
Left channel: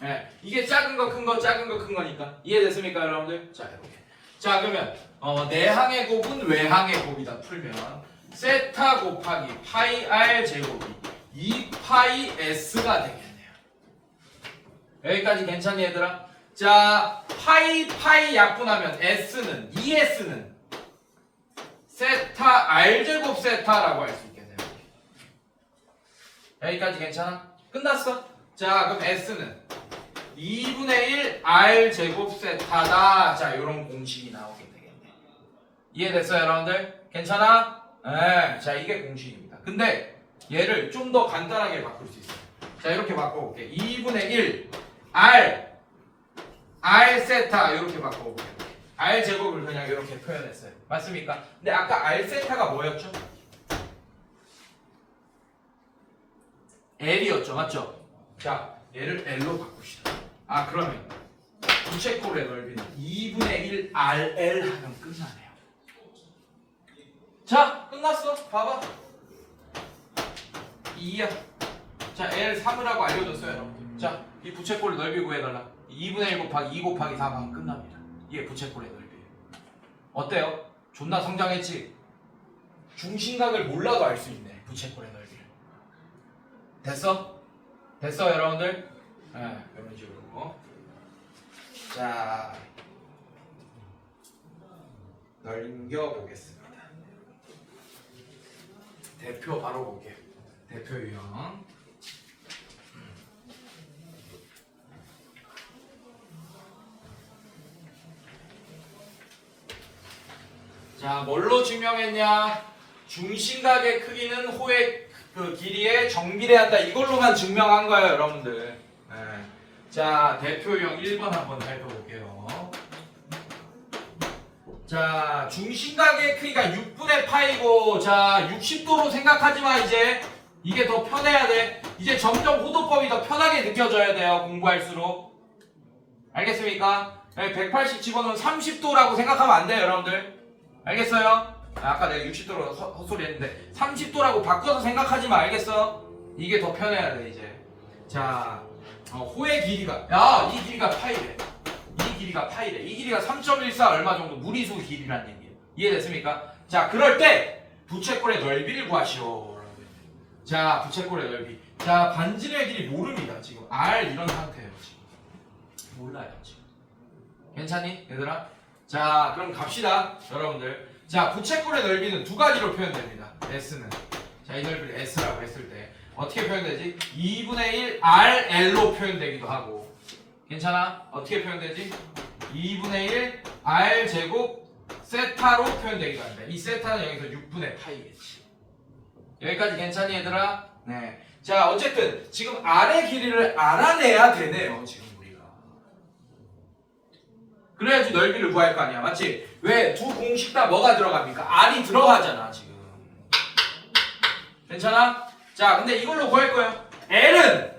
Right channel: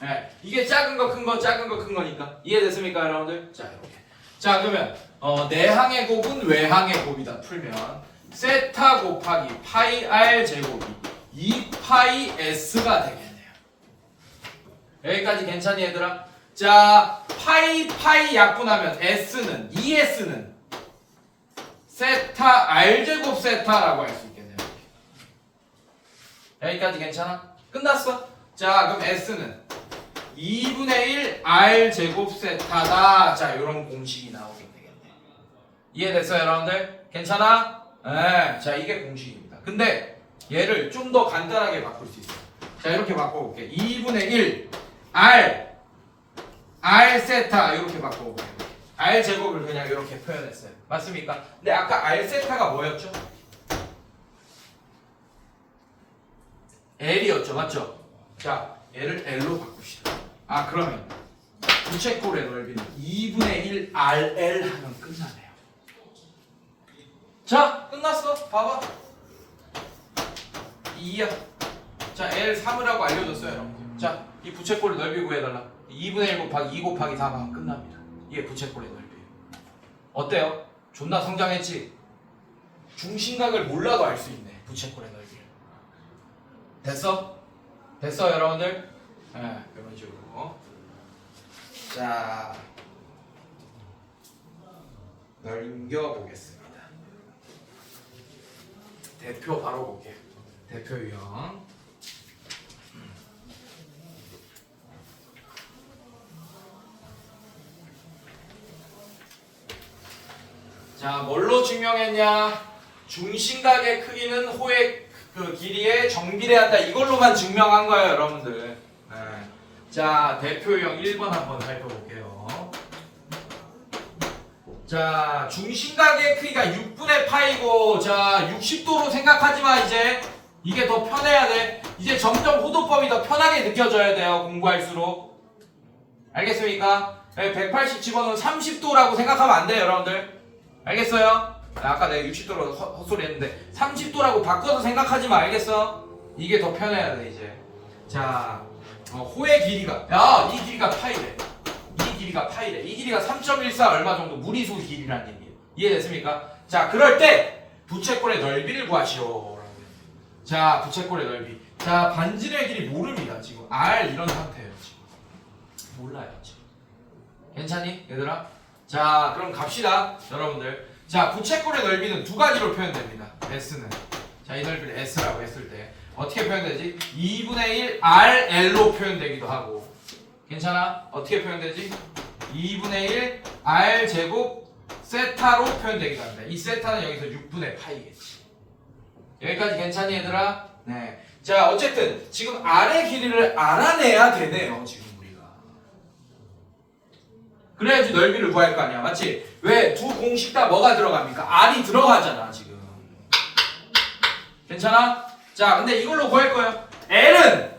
네, 이게 작은 거 큰 거 작은 거 큰 거니까 이해됐습니까 여러분들? 자 이렇게. 자 그러면 내항의 곱은 외항의 곱이다 풀면 세타 곱하기 파이 r 제곱이 2파이 s가 되겠네요. 여기까지 괜찮니 얘들아? 자 파이 약분하면 s는 2s는 세타 r 제곱 세타라고 할 수 있겠네요. 여기까지 괜찮아? 끝났어? 자 그럼 s는 2분의 1 r 제곱 세타다. 자 이런 공식이 나오게 되겠네. 이해됐어요 여러분들? 괜찮아? 네, 자 이게 공식입니다. 근데 얘를 좀 더 간단하게 바꿀 수 있어요. 자 이렇게 바꿔볼게. 2분의 1 r 세타 이렇게 바꿔볼게요. r 제곱을 그냥 이렇게 표현했어요. 맞습니까? 근데 아까 r 세타가 뭐였죠? l이었죠, 맞죠? 자 얘를 l로 바꿉시다. 그러면 부채꼴의 넓이는 2분의 1 rl 하면 끝나네요. 자 끝났어. 봐봐 2야. 자 L 3이라고 알려줬어요 여러분. 자 이 부채꼴의 넓이 구해달라. 2분의 1 곱하기 2 곱하기 4 하면 끝납니다. 이게 부채꼴의 넓이에요. 어때요? 존나 성장했지? 중심각을 몰라도 알 수 있네 부채꼴의 넓이를. 됐어? 됐어 여러분들? 네, 이런 식으로. 자 넘겨보겠습니다. 대표 바로 볼게요. 대표 유형. 자, 뭘로 증명했냐? 중심각의 크기는 호의 그 길이에 정비례한다. 이걸로만 증명한 거예요, 여러분들. 네. 자, 대표 유형 1번 한번 해볼게요. 자, 중심각의 크기가 6분의 파이고, 자, 60도로 생각하지 마, 이제. 이게 더 편해야 돼. 이제 점점 호도법이 더 편하게 느껴져야 돼요, 공부할수록. 알겠습니까? 180 집어넣으면 30도라고 생각하면 안 돼요, 여러분들. 알겠어요? 아까 내가 60도로 헛소리 했는데, 30도라고 바꿔서 생각하지 마, 알겠어? 이게 더 편해야 돼, 이제. 자, 호의 길이가, 야, 이 길이가 파이래. 이 길이가 파이래. 이 길이가 3.14 얼마 정도 무리수 길이라는 얘기예요. 이해됐습니까? 자, 그럴 때 부채꼴의 넓이를 구하시오. 자, 부채꼴의 넓이. 자, 반지름의 길이 모릅니다. 지금 R 이런 상태예요. 지금 몰라요. 지금. 괜찮니, 얘들아? 자, 그럼 갑시다, 여러분들. 자, 부채꼴의 넓이는 두 가지로 표현됩니다. S는. 자, 이 넓이를 S라고 했을 때 어떻게 표현되지? 2분의 1 RL로 표현되기도 하고. 괜찮아? 어떻게 표현되지? 2분의 1 R 제곱 세타로 표현되기도 합니다. 이 세타는 여기서 6분의 파이겠지. 여기까지 괜찮니 얘들아? 네. 자 어쨌든 지금 R의 길이를 알아내야 되네요. 지금 우리가. 그래야지 넓이를 구할 거 아니야. 맞지? 왜? 두 공식 다 뭐가 들어갑니까? R이 들어가잖아 지금. 괜찮아? 자 근데 이걸로 구할 거예요. L은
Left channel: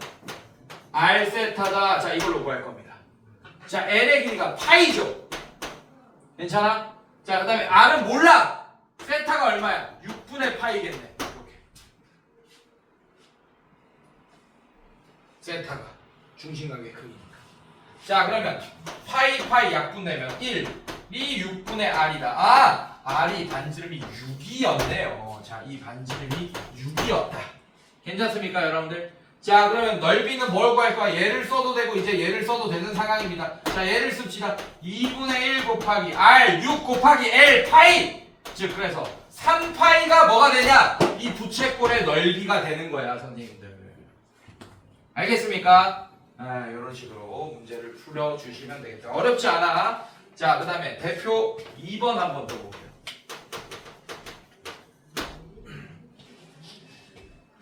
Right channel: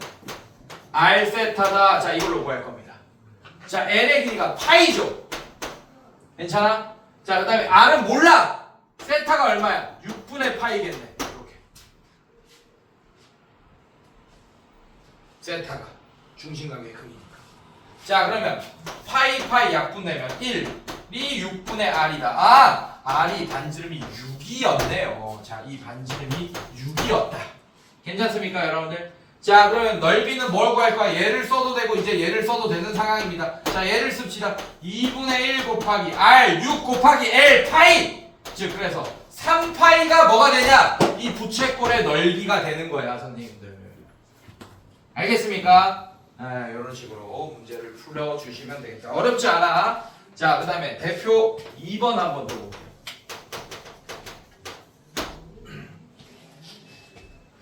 R 세타다. 자 이걸로 구할 겁니다. 자 L의 길이가 파이죠. 괜찮아? 자 그 다음에 R은 몰라. 세타가 얼마야? 6분의 파이겠네. 이렇게. 세타가 중심각의 크기니까. 자 그러면 파이 약분되면 1이 6분의 R이다. R이 반지름이 6이었네요. 자 이 반지름이 6이었다. 괜찮습니까 여러분들? 자 그러면 넓이는 뭘 구할 거야? 얘를 써도 되고 이제 얘를 써도 되는 상황입니다. 자 얘를 씁시다. 2분의 1 곱하기 R 6 곱하기 L 파이. 즉 그래서 3파이가 뭐가 되냐? 이 부채꼴의 넓이가 되는 거야 선생님들. 알겠습니까? 이런 식으로 문제를 풀어주시면 되겠다. 어렵지 않아. 자 그 다음에 대표 2번 한번 더 볼게요.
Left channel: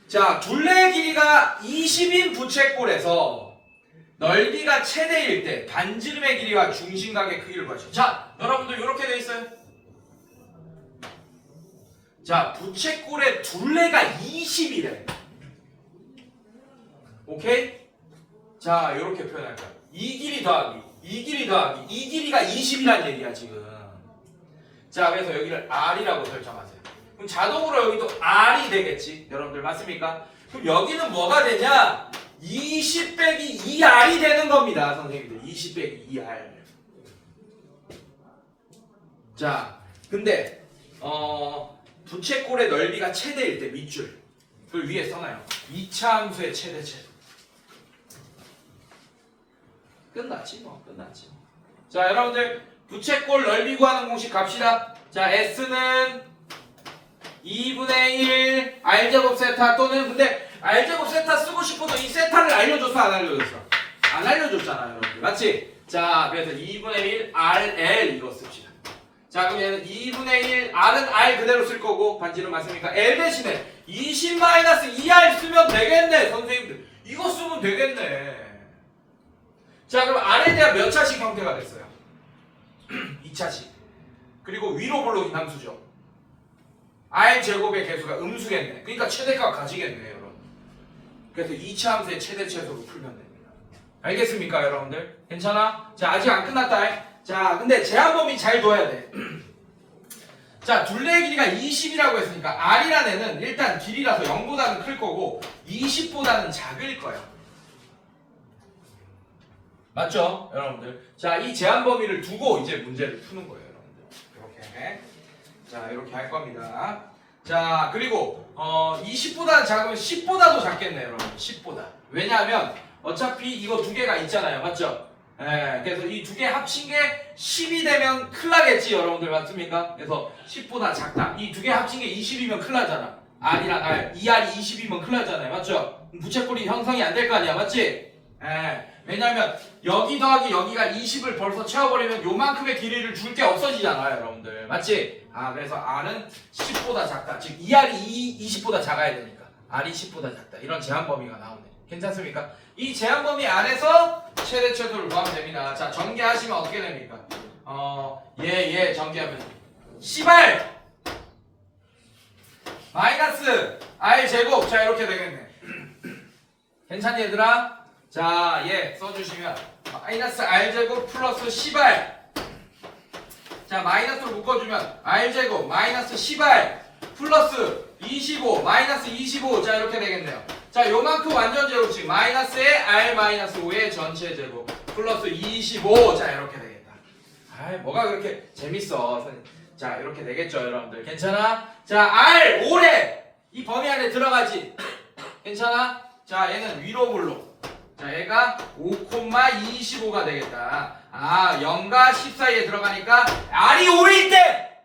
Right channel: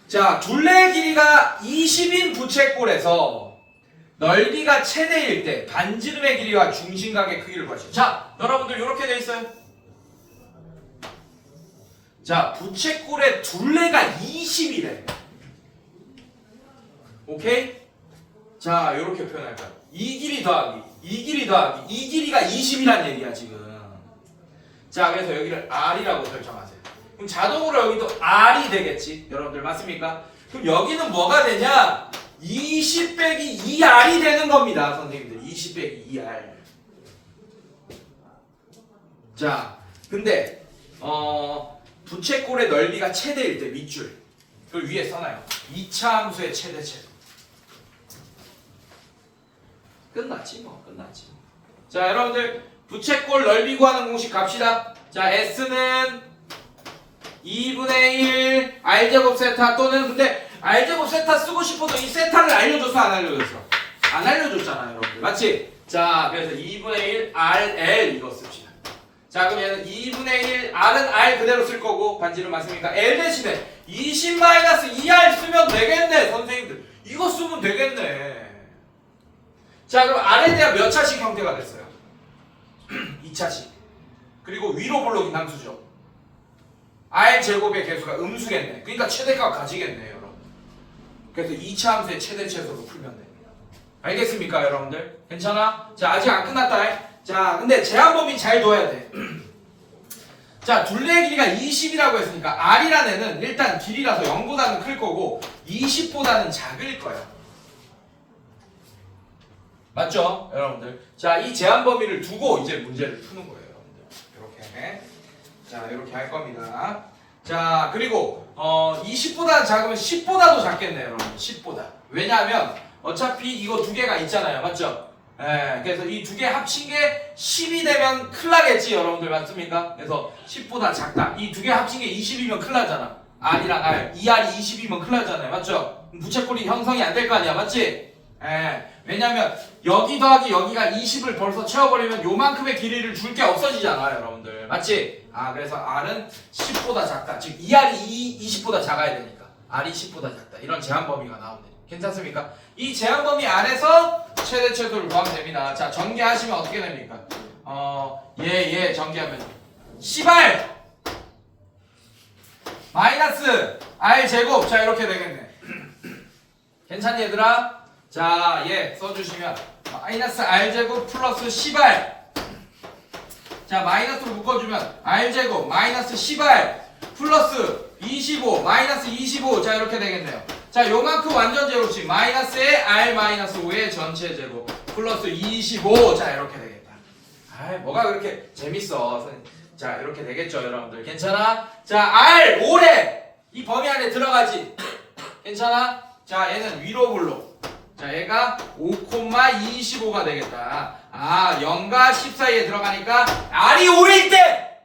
자, 둘레의 길이가 20인 부채꼴에서 넓이가 최대일 때 반지름의 길이와 중심각의 크기를 구하시죠. 자, 여러분들 이렇게 돼 있어요. 자, 부채꼴의 둘레가 20이래. 오케이? 자, 이렇게 표현할 거야. 이 길이 더하기, 이 길이 더하기, 이 길이가 20이란 얘기야, 지금. 자, 그래서 여기를 R이라고 설정하세요. 그럼 자동으로 여기도 R이 되겠지? 여러분들 맞습니까? 그럼 여기는 뭐가 되냐? 20 빼기 2R이 되는 겁니다, 선생님들. 20 빼기 2R. 자, 근데 부채꼴의 넓이가 최대일 때 밑줄 그걸 위에 써놔요. 2차 함수의 최대체. 끝났지 뭐. 자, 여러분들 부채꼴 넓이 구하는 공식 갑시다. 자, S는 2분의 1 R제곱 세타 또는 근데 R제곱 세타 쓰고 싶어도 이 세타를 알려줬어 안 알려줬어? 안 알려줬잖아요, 여러분들. 맞지? 자, 그래서 2분의 1 RL 이거 씁시다. 자, 그럼 얘는 2분의 1 R은 R 그대로 쓸 거고 반지름 맞습니까? L 대신에 20-2R 쓰면 되겠네, 선생님들. 이거 쓰면 되겠네. 자, 그럼 R에 대한 몇 차식 형태가 됐어요? 2차식. 그리고 위로 볼록인 함수죠. R 제곱의 개수가 음수겠네. 그러니까 최대값 가지겠네, 여러분. 그래서 2차 함수의 최대체수로 풀면 됩니다. 알겠습니까, 여러분들? 괜찮아? 자, 아직 안 끝났다. 자, 근데 제한 범위 잘 둬야 돼. 자, 둘레의 길이가 20이라고 했으니까 R이라는 애는 일단 길이라서 0보다는 클 거고 20보다는 작을 거야. 맞죠? 여러분들. 자, 이 제한 범위를 두고 이제 문제를 푸는 거예요, 여러분들. 이렇게. 자, 이렇게 할 겁니다. 자, 그리고 20보다 작으면 10보다도 작겠네요, 여러분. 10보다. 왜냐하면 어차피 이거 두 개가 있잖아요. 맞죠? 예, 그래서 이 두 개 합친 게 10이 되면 큰일 나겠지, 여러분들. 맞습니까? 그래서 10보다 작다. 이 두 개 합친 게 20이면 큰일 나잖아. R이랑 R. 이 R이 20이면 큰일 나잖아요. 맞죠? 부채꼴이 형성이 안 될 거 아니야. 맞지? 예. 왜냐면 여기 더하기 여기가 20을 벌써 채워버리면 요만큼의 길이를 줄 게 없어지잖아요, 여러분들. 맞지? 아, 그래서 R은 10보다 작다. 즉, 이 R이 20보다 작아야 되니까. R이 10보다 작다. 이런 제한 범위가 나오네. 괜찮습니까? 이 제한 범위 안에서 최대 최소를 구하면 됩니다. 자, 전개하시면 어떻게 됩니까? 전개하면 C발 마이너스 R 제곱. 자, 이렇게 되겠네. 괜찮니, 얘들아? 자, 써주시면 마이너스 R 제곱 플러스 C발. 자, 마이너스로 묶어주면 R 제곱 마이너스 C발 플러스 25 마이너스 25. 자, 이렇게 되겠네요. 자, 요만큼 완전 제곱식 마이너스에 R 마이너스 5의 전체 제곱 플러스 25. 자, 이렇게 되겠다. 뭐가 그렇게 재밌어. 자, 이렇게 되겠죠, 여러분들. 괜찮아? 자, R 5래 이 범위 안에 들어가지. 괜찮아? 자, 얘는 위로 볼록. 자, 얘가 5,25가 되겠다. 0과 10 사이에 들어가니까 R이 5일 때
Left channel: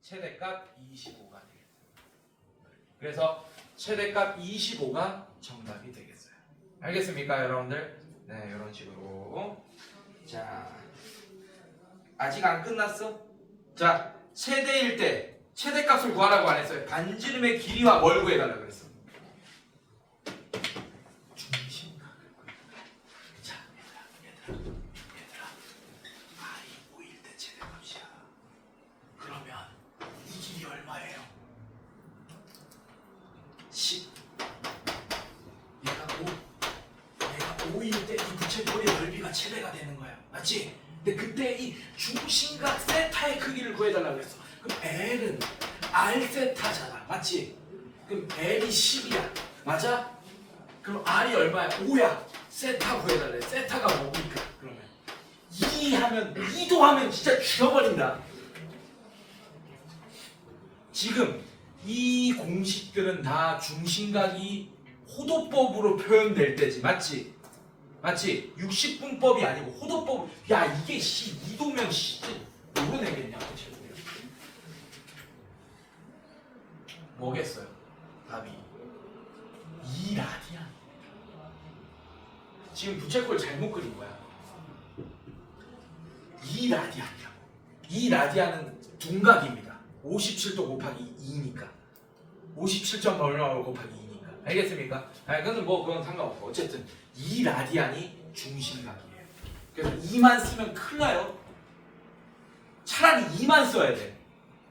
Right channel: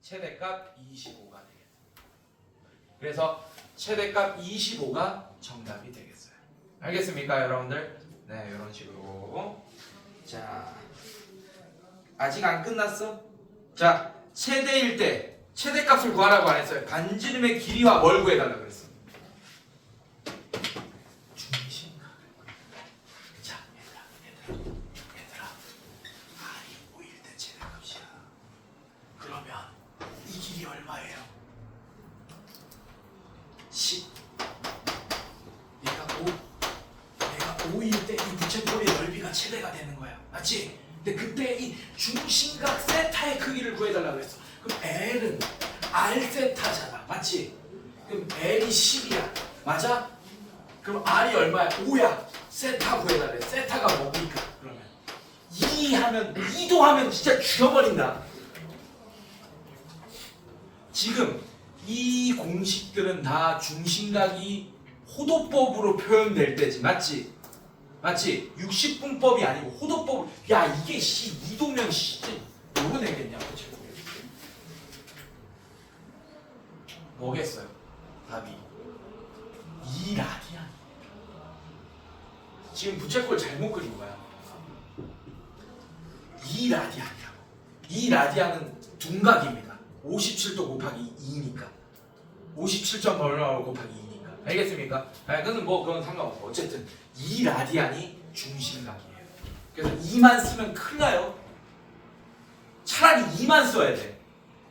최대값 25가 되겠다. 그래서 최대값 25가 정답이 되겠어요. 알겠습니까, 여러분들? 네, 이런 식으로. 자, 아직 안 끝났어? 자, 최대일 때 최대값을 구하라고 안 했어요. 반지름의 길이와 뭘 구해달라고 그랬어? 중심각. 자, 얘들아. R이 5일 때 최대값이야. 그러면 이 길이 얼마예요? 10. 얘가 5일 때 이 부채꼴의 넓이가 최대가 되는 거야. 맞지? 근데 그때 이 중심각 세타의 크기를 구해달라고 했어. 그럼 L은 R 세타잖아. 맞지? 그럼 L이 10이야. 맞아? 그럼 R이 얼마야? 5야. 세타 구해달래. 세타가 뭡니까? 그러면 2도 하면 진짜 죽여버린다. 지금 이 공식들은 다 중심각이 호도법으로 표현될 때지. 맞지? 맞지? 60분법이 아니고 호도법. 야, 이게 2도면 누구 내겠냐? 그치? 뭐겠어요? 답이 2라디안. 지금 부채꼴 잘못 그린 거야. 2라디안이라고. 2라디안은 둔각입니다. 57도 곱하기 2니까 57.8 곱하기 2니까. 알겠습니까? 그건 그건 상관없고 어쨌든 2라디안이 중심각이에요. 그래서 2만 쓰면 큰일 나요. 차라리 2만 써야 돼.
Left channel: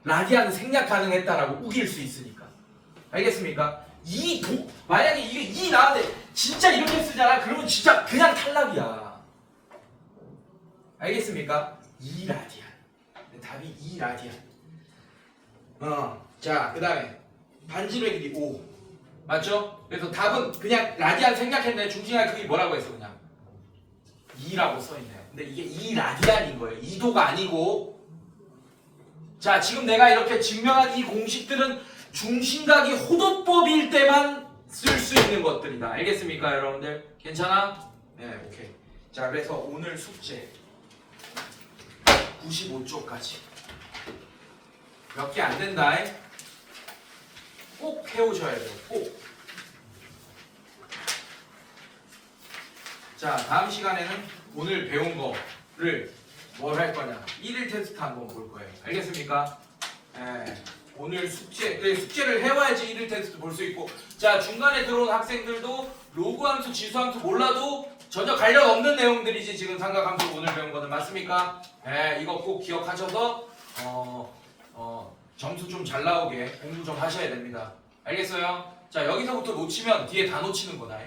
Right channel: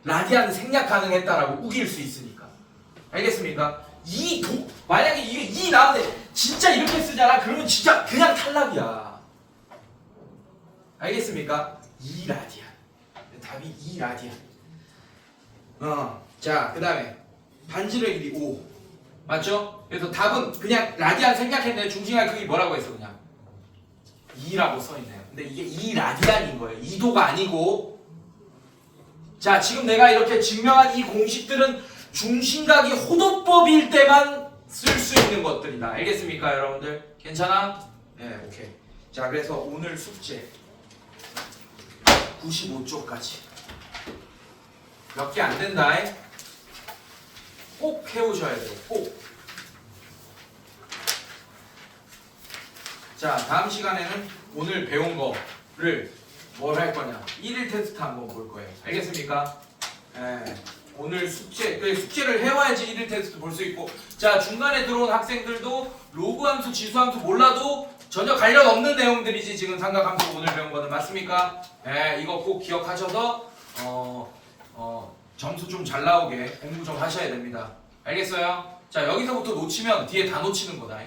라디안은 생략 가능했다라고 우길 수 있으니까. 알겠습니까? 만약에 이게 나왔는데 진짜 이렇게 쓰잖아. 그러면 진짜 그냥 탈락이야. 알겠습니까? 2라디안. 답이 2라디안. 자, 그 다음에 반지름의 길이 5. 맞죠? 그래서 답은 그냥 라디안 생략했는데 중심의 크기 뭐라고 했어? 그냥 2라고 써있네요. 근데 이게 2라디안인 거예요. 2도가 아니고. 자, 지금 내가 이렇게 증명한 이 공식들은 중심각이 호도법일 때만 쓸 수 있는 것들이다. 알겠습니까, 여러분들? 괜찮아? 네, 오케이. 자, 그래서 오늘 숙제 95쪽까지 몇 개 안 된다. 꼭 해오셔야 돼요. 꼭. 자, 다음 시간에는 오늘 배운 거를 뭘 할 거냐? 1일 테스트 한번 볼 거예요. 알겠습니까? 네. 오늘 숙제를 해와야지 1일 테스트 볼 수 있고. 자, 중간에 들어온 학생들도 로그 함수, 지수 함수 몰라도 전혀 관련 없는 내용들이지. 지금 삼각함수 오늘 배운 거는 맞습니까? 네, 이거 꼭 기억하셔서 점수 좀 잘 나오게 공부 좀 하셔야 됩니다. 알겠어요? 자, 여기서부터 놓치면 뒤에 다 놓치는 거다.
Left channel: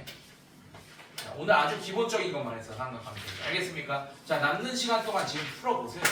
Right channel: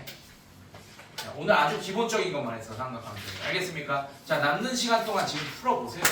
자, 오늘 아주 기본적인 것만 했어, 삼각함수. 알겠습니까? 자, 남는 시간 동안 지금 풀어보세요.